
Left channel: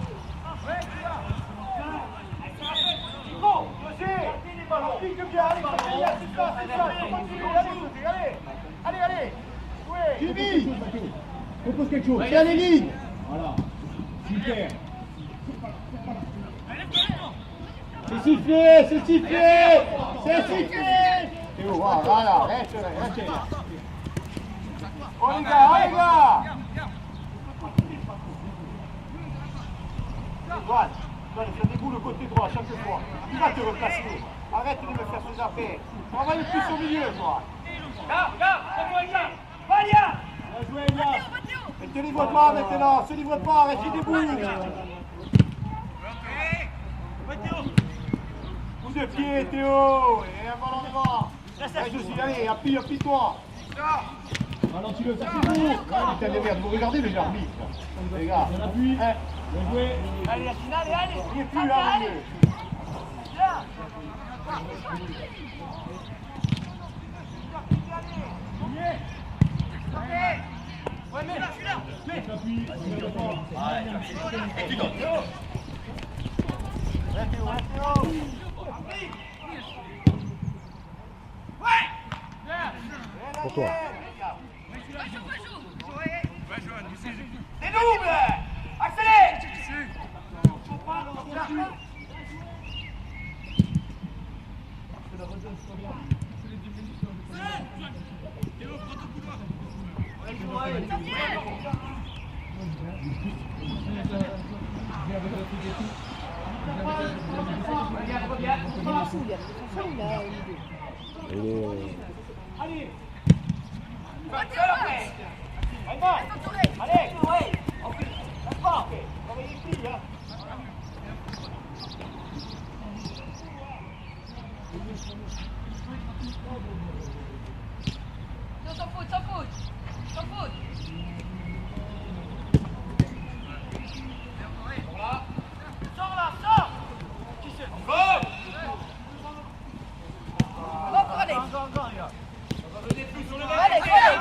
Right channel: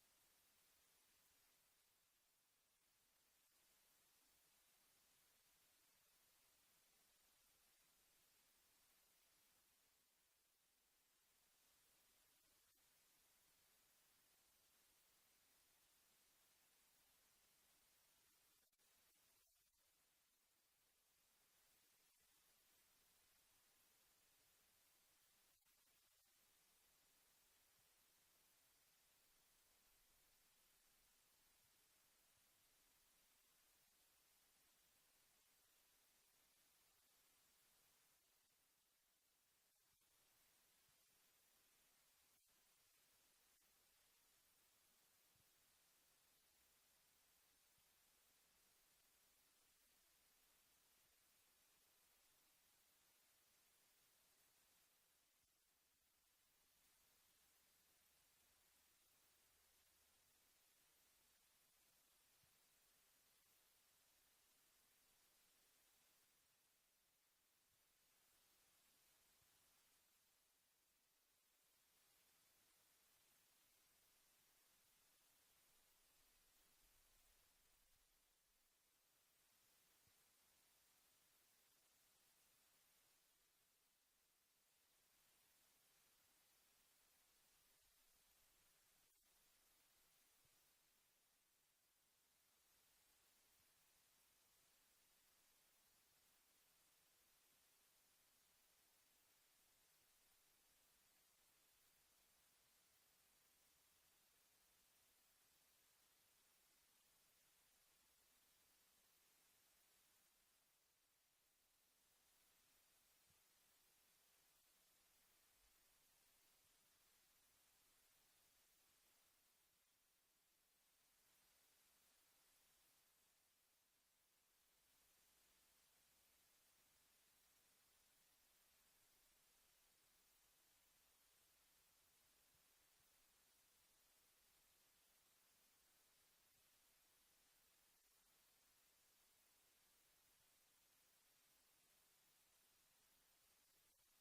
Jimmy, propose quelque chose. Tiens les lignes. Voilà. Super. C'est sifflé. Théo, voilà, reste là. Oh les gars. Voilà, ça déboule le côté droit chaque fois. Tu vas te replacer. Arrête de me faire ses affaires. Travaille plus au milieu, toi. Bien joué, Elias. Ne te livre pas maintenant. Se livre pas, reste debout. Coup de pied, Théo. Et un ballon devant. Reste aussi, allez, appuie-toi. Ralentis-le, ça c'est bon. Putain de merde, vous regardez les arbitres. Les gars. Bien joué. Allez, la finale, allez. Il n'est plus là, milieu. Pour toi. C'est double. Accélère. Et les- Allez. Allez. Laisse pas. Travaillez les filles, hein. Sans faute, sans faute. Sans faute. Sors là, sors. Encore, allez. Encore, les gars. Allez, allez.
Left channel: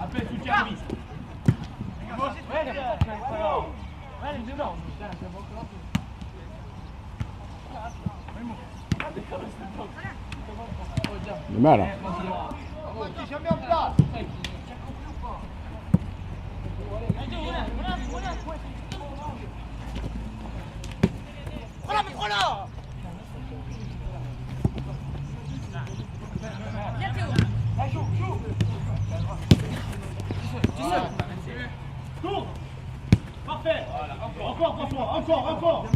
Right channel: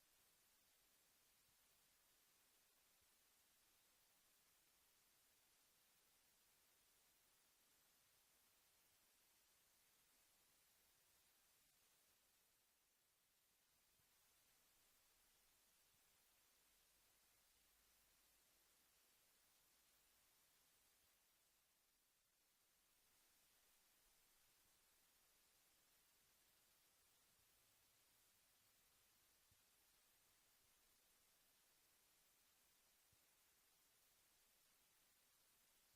Appelle soutien à vis. Le mal. Hein. Parfait. Encore François, encore.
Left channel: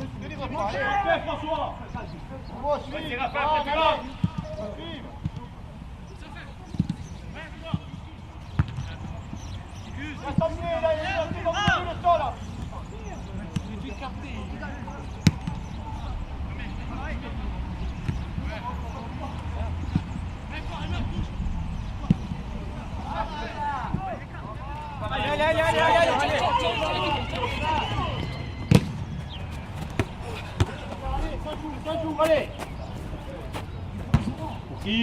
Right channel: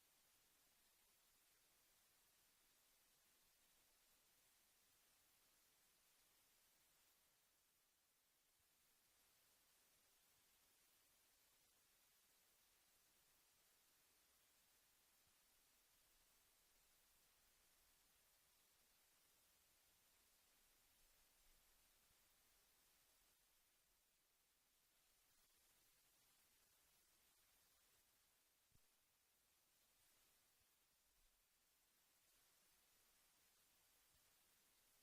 Parfait François. Allez. Qui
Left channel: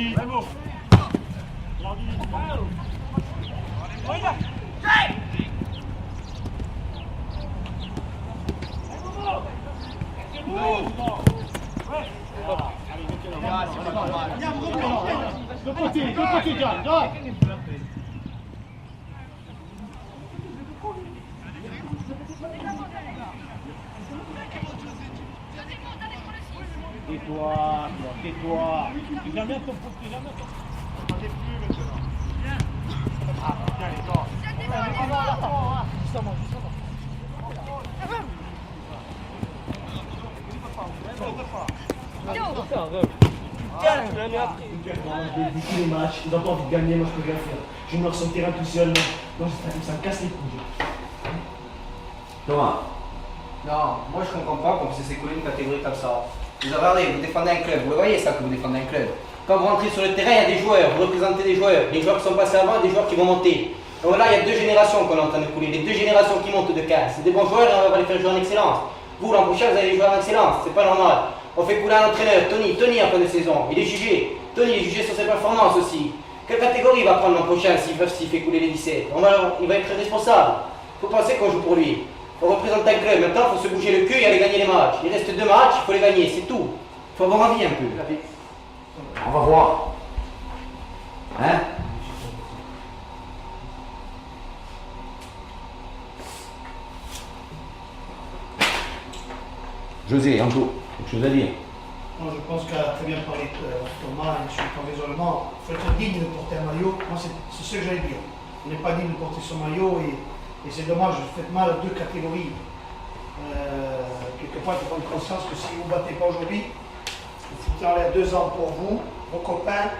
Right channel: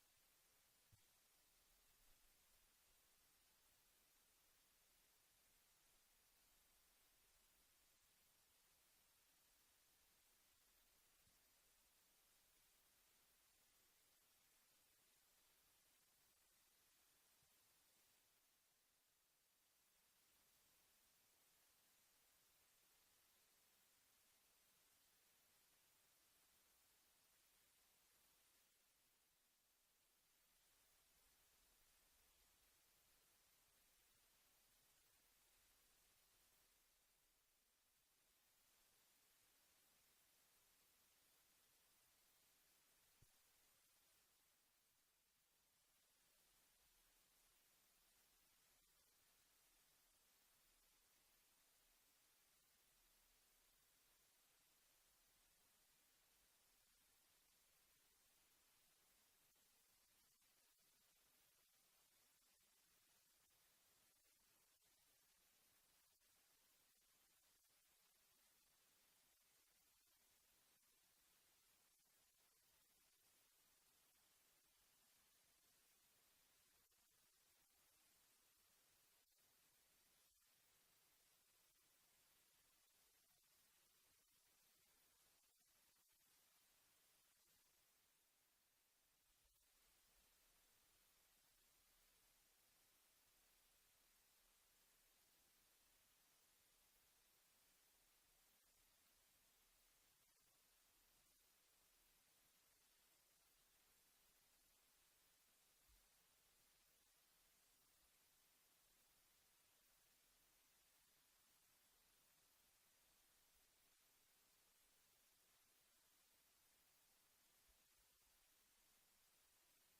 de côté, John. Tais-toi. Tu viens bien ton poste, tu viens bien ton poste. On n'est plus maintenant. Ah, tiens, les gars. Tous les matchs, ils ont pas envie de gagner, moi je peux rien faire. Je me ressens sur le terrain tout seul, non, ça me casse les couilles. Thomas, Non, moi je comprends pas qu'on puisse s'écouler une catégorie comme ça. Vous regardez, vous défendez un club, vous le voyez ça que vous défendez un club. Quand vous rentrez sur le terrain, il y a des joueurs, vous représentez des joueurs qui sont passés avant et des joueurs qui vont monter. Donc là, il y a deux générations qu'on est en train de couler, les deux générations qui montent de 15. C'est des bons joueurs et on va les faire jouer en excellence. Vous, l'an prochain, vous allez les jouer en excellence, c'est pas normal. On fait couler un entraîneur, Tony en fin de saison, il est jugé. Tony est jugé sur ses performances aussi. Quelle catégorie il va prendre l'an prochain s'il fait couler les 17? Il va être très responsable. Il faut penser qu'on joue pour lui. On représente un club, maintenant il faut se bouger le cul et aller gagner les matchs. Il reste 2 matchs, il faut les gagner, c'est tout. Il faut avoir envie un peu. on va voir. Hein? José, encore quelque chose à dire? Moi, je pense qu'a très bien parlé Thomas et sur ton raisonnement. Il faut être digne de porter un maillot. Moi, c'est ce que j'allais dire. On n'est pas digne de porter son maillot et c'est dommage, vous faites mal à 2 catégories. Quelque part, il faut prendre conscience que si vous ne battez pas aujourd'hui, vous foutez en l'air 2 ans pour vous, vos copains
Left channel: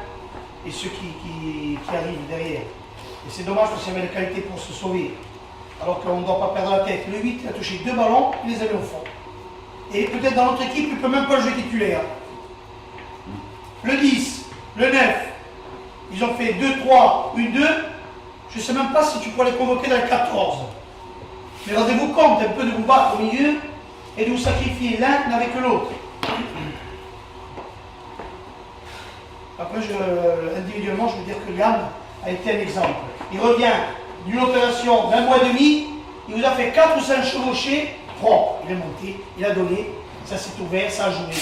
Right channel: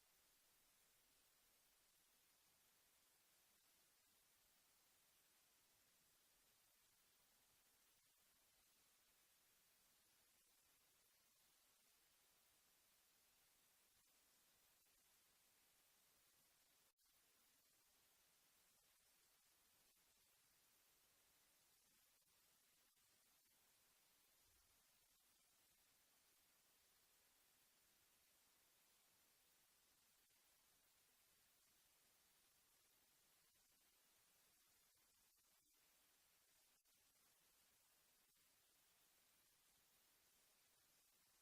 et ceux qui arrivent derrière. Et c'est dommage parce qu'il y avait les qualités pour se sauver. Alors qu'on ne doit pas perdre la tête. Le 8, il a touché 2 ballons, il les a mis au fond. Et peut-être dans notre équipe, il ne peut même pas jouer titulaire. Le 10, le 9, ils ont fait 2-3, 1-2. Je ne sais même pas si tu pourrais les convoquer dans le 14. Mais rendez-vous compte un peu de vous battre au milieu et de vous sacrifier l'un avec l'autre. Après, individuellement, je veux dire que Liam a été un exemple. Il revient d'une opération d'1 mois et demi, il vous a fait 4 ou 5 chevauchés, propre, il est monté, il a donné, ça s'est ouvert, ça a joué.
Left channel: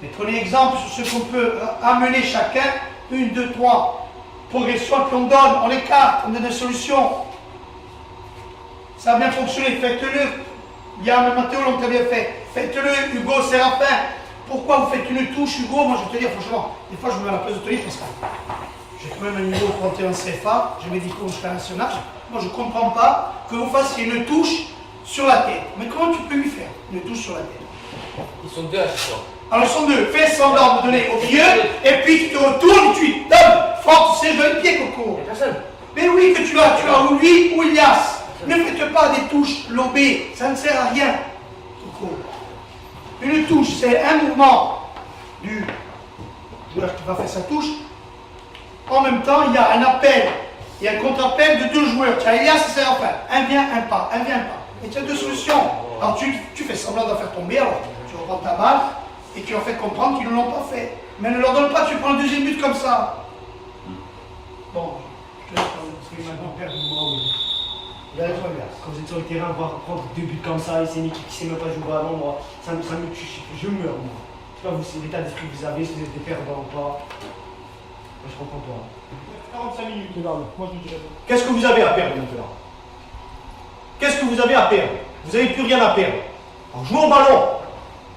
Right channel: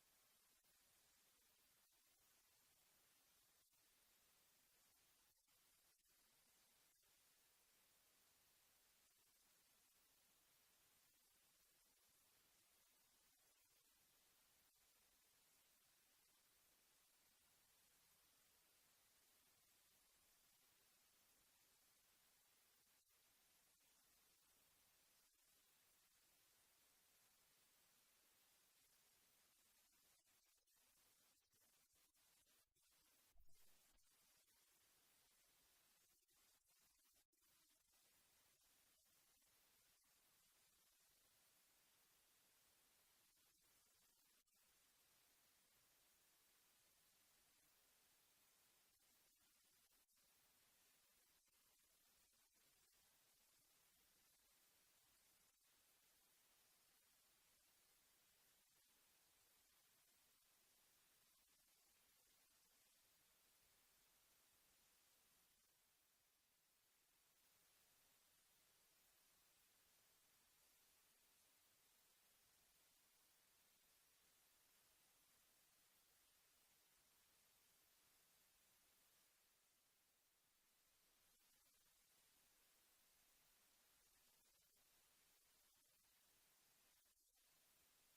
Mais prenez exemple sur ce qu'on peut amener chacun, 1, 2, 3 progressions, puis on donne, on écarte, on donne des solutions. Ça a bien fonctionné, faites-le. Liam et Mathéo l'ont très bien fait. Faites-le, Hugo, Séraphin. Pourquoi vous faites une touche, Hugo? Moi, je vais te dire, franchement, des fois, je me mets à la place de Tony parce que j'ai quand même un niveau 31 CFA, j'ai mes diplômes jusqu'à national. Moi, je ne comprends pas que vous fassiez une touche sur la tête. Mais comment tu peux lui faire une touche sur la tête? Ils sont deux à ce soir. Alors, ils sont deux. Fais semblant de donner au milieu, et puis tu te retournes, tu donnes. Fort, tu sais, je le pied, Coco. Mais oui, que tu as ou lui ou Ilias. Ne faites pas des touches lobées, ça ne sert à rien, Coco. Une touche, c'est un mouvement du joueur qui va faire sa touche. En même temps, il y a un appel et un contre-appel de 2 joueurs. Tu as Elias et Séraphin. Un vient, un pas, un vient, un pas. Et tu as 2 solutions. Alors tu fais semblant d'en faire tomber, alors tu reprends ta balle et tu leur fais comprendre qu'ils ne l'ont pas fait. Mais ne leur donne pas, tu prends le 2e but comme ça. Bon, je te laisse parler. Maintenant, perdre du bras, oui. Quand vous êtes sur le terrain, voir prendre 2 buts comme ça, et c'est une équipe qui ne sait même pas jouer au ballon, moi, ça me tue, je meurs, moi. Je sais pas, c'est l'état d'esprit que vous avez, si vous êtes des perdants ou pas. Moi, je comprends pas. 45 minutes, moi je dirais. Qu'est-ce que vous avez à perdre maintenant? Qu'est-ce que vous avez à perdre? Vous n'avez plus rien à perdre. Alors jouez au ballon.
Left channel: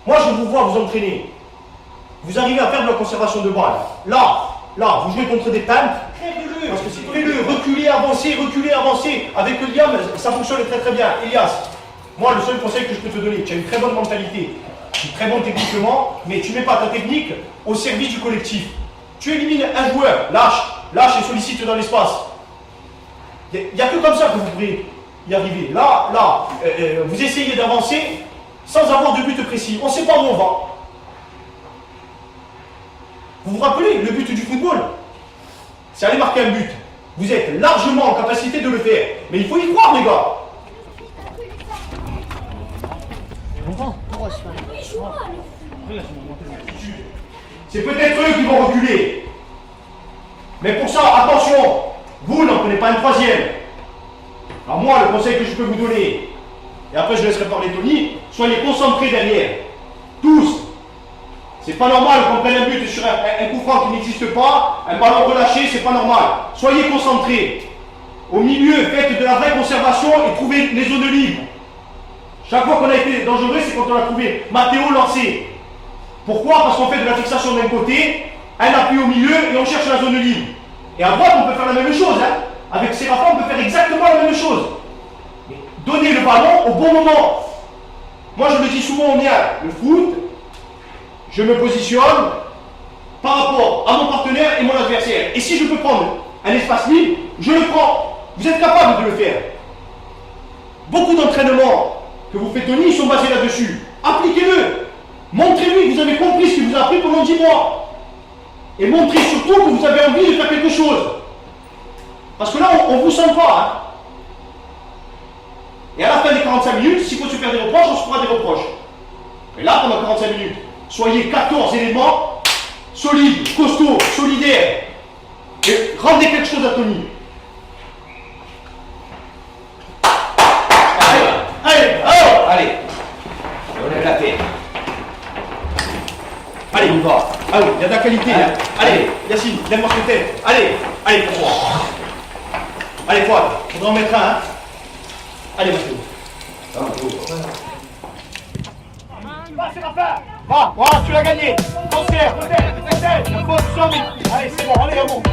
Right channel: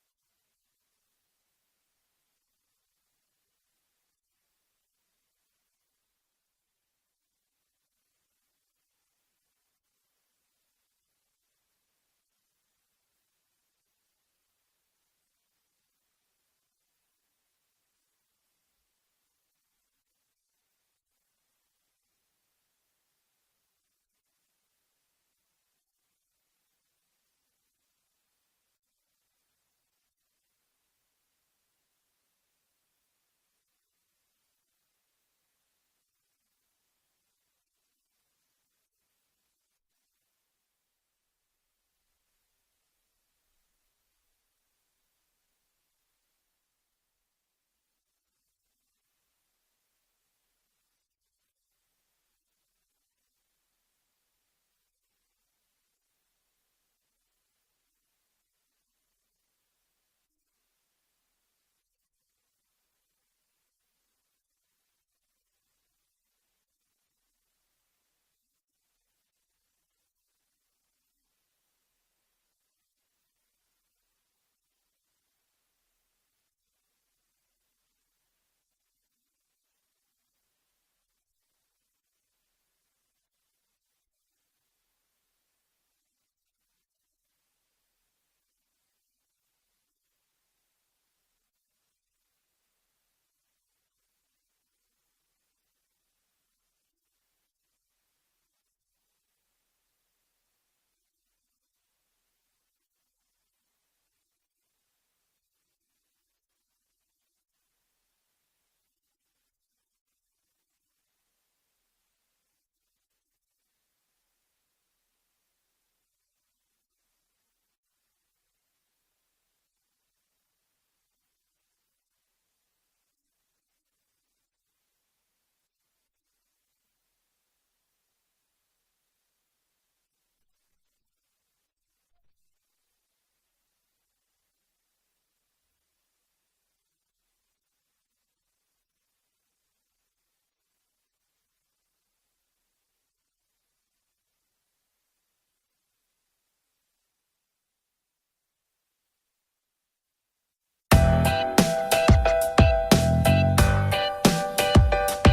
Moi je vous vois vous entraîner. Vous arrivez à faire de la conservation de balle. Là, vous jouez contre des peintres. Crève-le. Parce que si crève-le, reculer, avancer. Avec le Liam, ça fonctionne très très bien. Elias, moi le seul conseil que je peux te donner, tu as une très bonne mentalité. Tu es très bon techniquement, mais tu ne mets pas ta technique au service du collectif. Tu élimines un joueur, lâche et sollicite dans l'espace. Il n'y a que comme ça que vous pourrez y arriver. Là, vous essayez d'avancer sans avoir de but précis. On ne sait pas où on va. Vous vous rappelez, le but du football, c'est aller marquer un but. Vous êtes largement en capacité de le faire. Mais il faut y croire, les gars. C'est peut-être eux qui vont reculer. Mais pour ça, attention, vous n'en prenez pas une 3e. Alors moi, le conseil que je peux vous donner, et après je laisserai parler Tony, soyez concentrés derrière. Tous. C'est pas normal qu'on prenne un but sur un coup franc qui n'existe pas, un ballon relâché, c'est pas normal. Soyez concentrés. Au milieu, faites de la vraie conservation et trouvez les zones libres. Chaque fois qu'on a été dangereux, c'est quand on a trouvé Mathéo lancé. Pourquoi? Parce qu'on fait de la fixation d'un côté, un appui au milieu et on cherche la zone libre. Et à droite, on peut faire la même chose. Avec Séraphin, on peut faire exactement la même chose. Mais donnez le ballon au bon moment. Moi, je le dis souvent au mien, le foot, je me positionne par rapport à mon partenaire et mon adversaire. Et si je peux prendre un espace libre, je le prends. Vous êtes capable de le faire. Beaucoup d'entraînements que vous faites, Tony, sont basés là-dessus. Appliquez-le. Montrez-lui que vous avez compris ce qu'il vous a appris pendant 10 mois. Et montrez surtout que vous avez envie de faire quelque chose. Parce que là, on ne vous sent pas. Et à la fin des 45 minutes, s'il faut se faire des reproches, on se fera des reproches. Et là, pendant 45 minutes, soyez 14 éléments solides, costauds, solidaires. Et rendez quelque chose à Tony. Allez, on lève la tête. Allez, on va. Allez, il y a de la qualité. Allez, allez Yacine, lève-moi cette tête. Allez, pour toi. Allez, Fouad, faudra en mettre un. Allez, Mathéo. Va, Séraphin. Va, voilà, tu l'as gagné. Conserve, la position, mais... Allez, c'est bon, allez, on monte.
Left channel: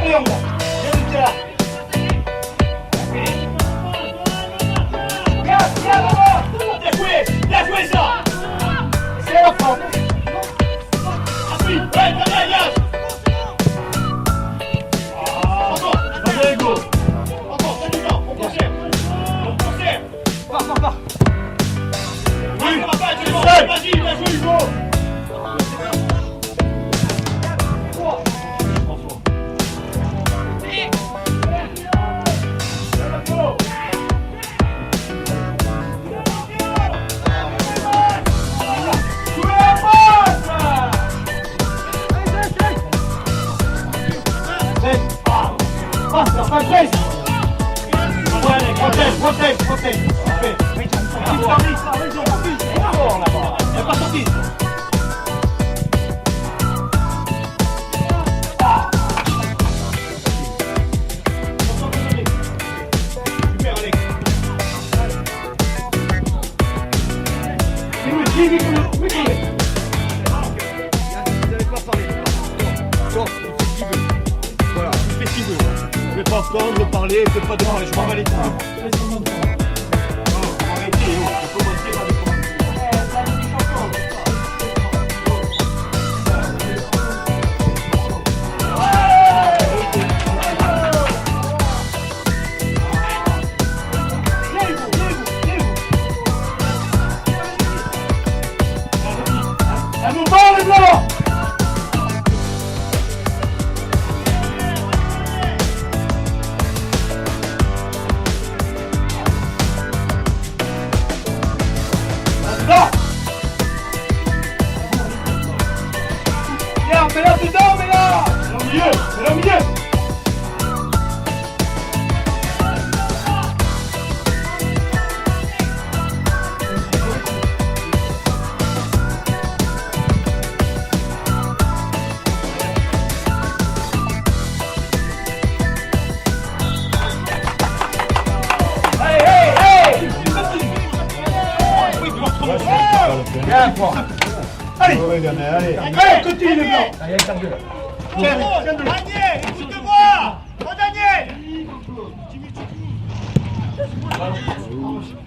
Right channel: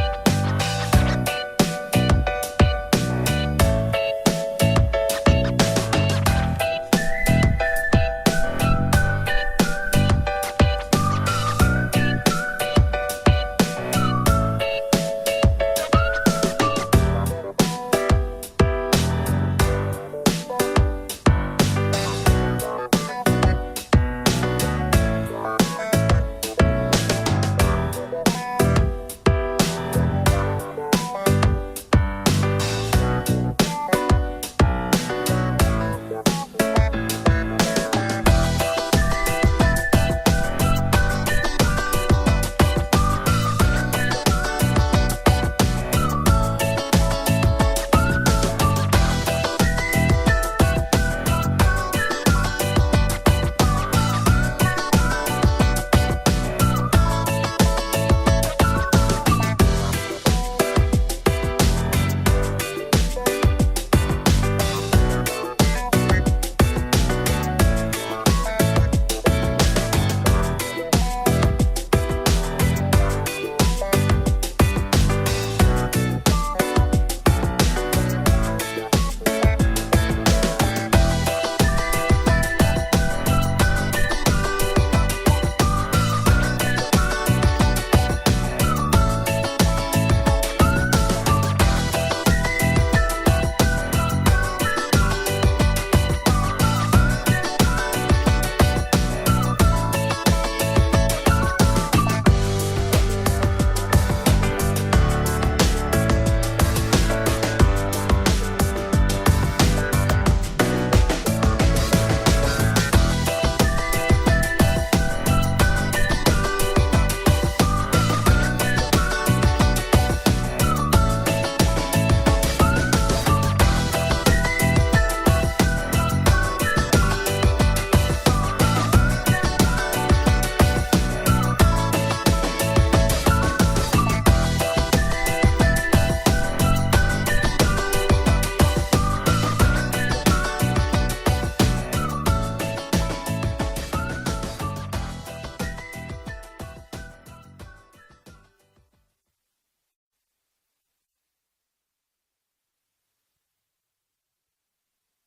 Daniel, écoute-moi. Oh Daniel.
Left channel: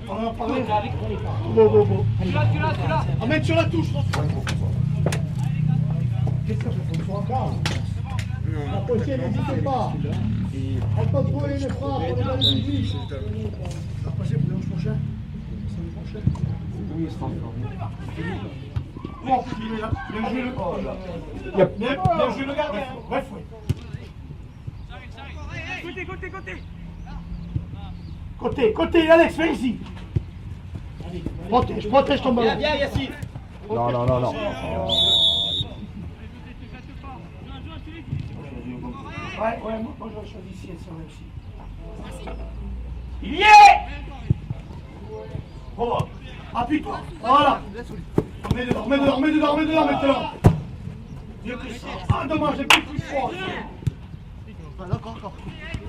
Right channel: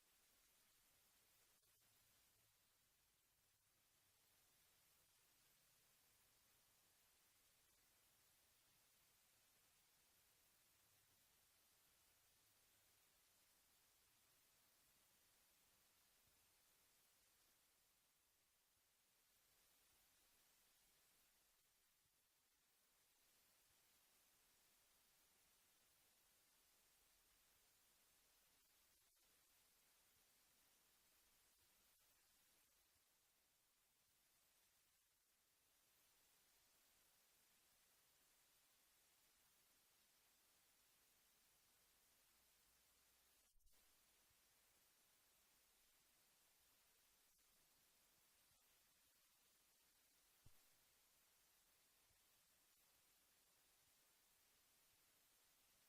On en parlait. Bon. Emmène sur la touche. Qu'est-ce que ça fait? La prochaine, n'hésitez pas. On peut trouver une frappe, on est dans le public. La prochaine, pour dimanche prochain. Samedi prochain. Oui, il sera bon, bien joué le gardien. Bref, oui. Côté, Alex, viens ici. Protège ton ballon. Viens, Yassine. Non. Ouais, moi j'aurais choisi ici, elle serait réussie. Il y est. Bon, appuie-toi. Voilà. Remets dedans, maintenant. Mieux que ça. Ah, dommage, j'ai plus fort.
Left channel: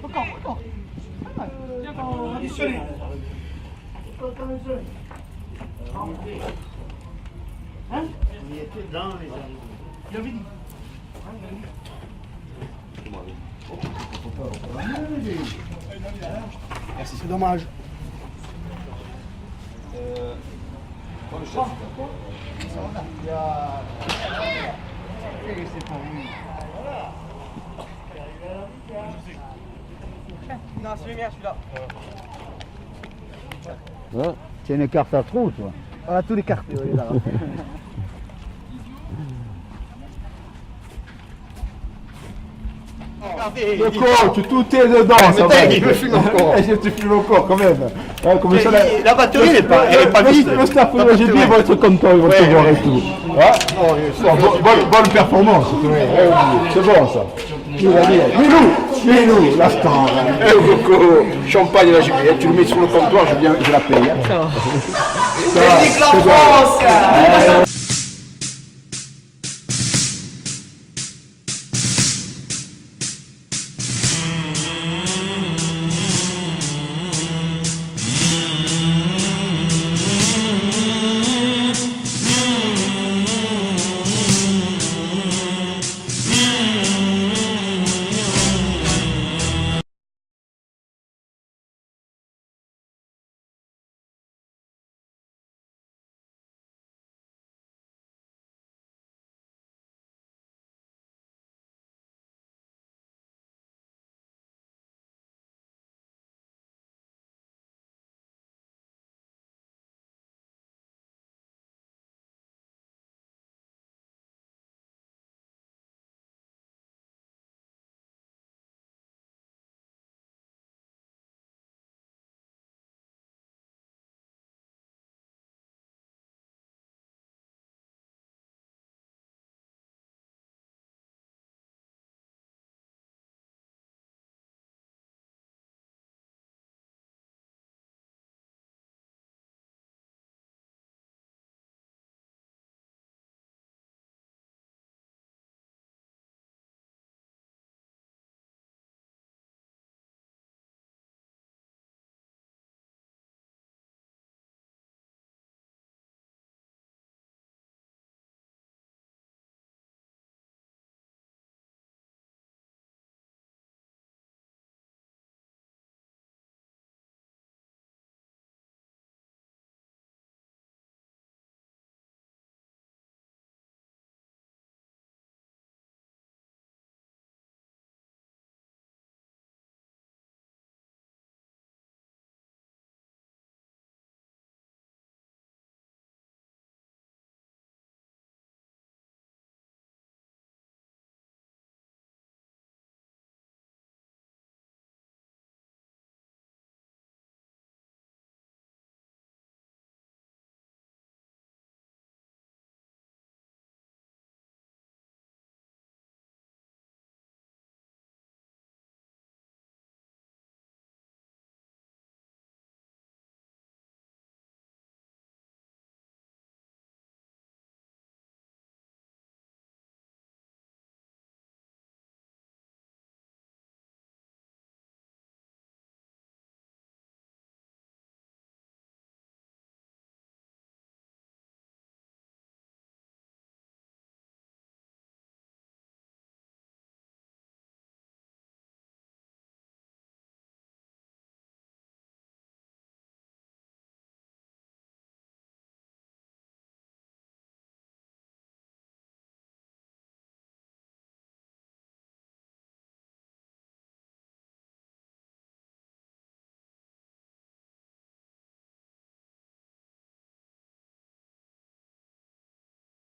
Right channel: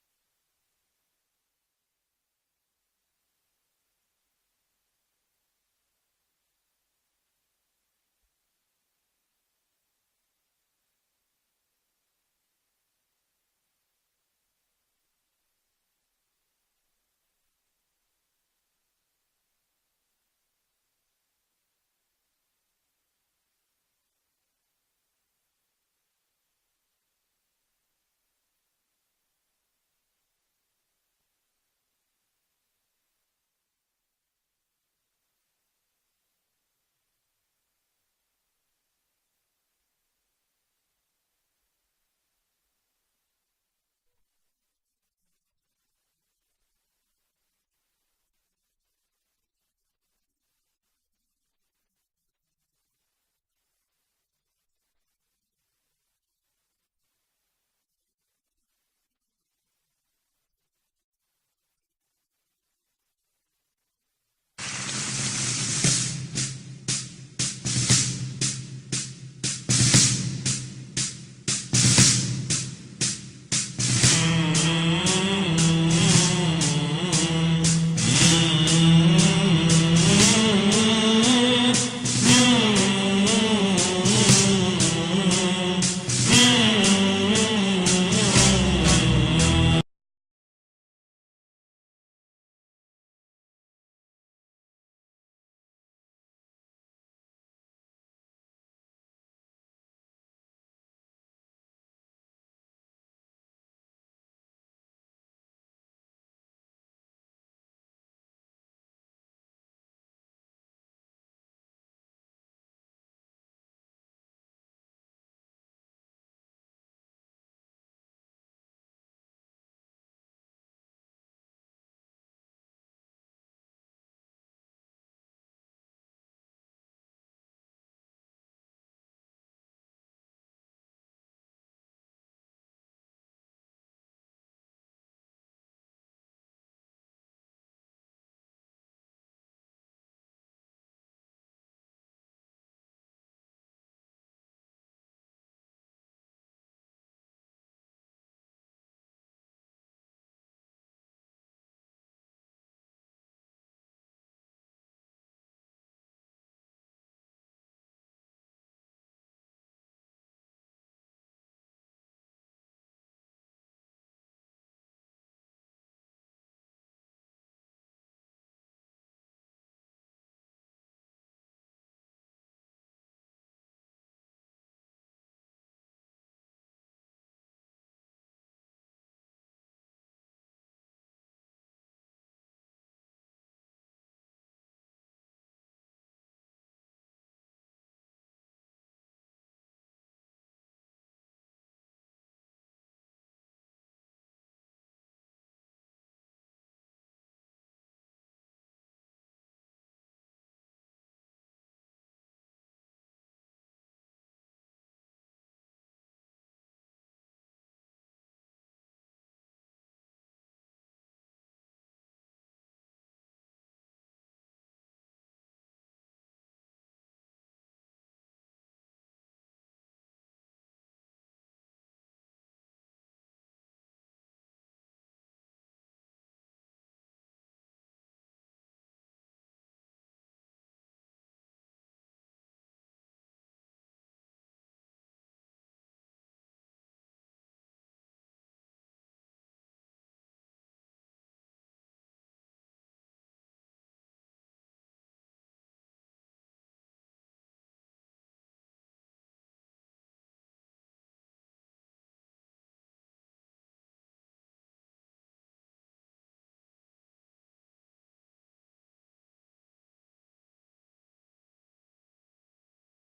Encore. Additionné. Hein? On y était dans les amis. Il avait dit. Merci, c'est dommage. Non, c'est le mien, celui-là. Hein? Tu as une carte à trous, toi. On a tous les cartes. Le coach, tout est dedans, ça va. Il me filme encore. Tu filmes encore quand même. Hein, comme ça, la batterie, elle est pas vide. Le staff GP va être content, ils vont te voir et tout. Hein? Bonne performance. C'est bon ça. Milou, l'instant. Coco, champagne la Juliette, tu le mets sur le comptoir, je la paye. Hein. C'est la France.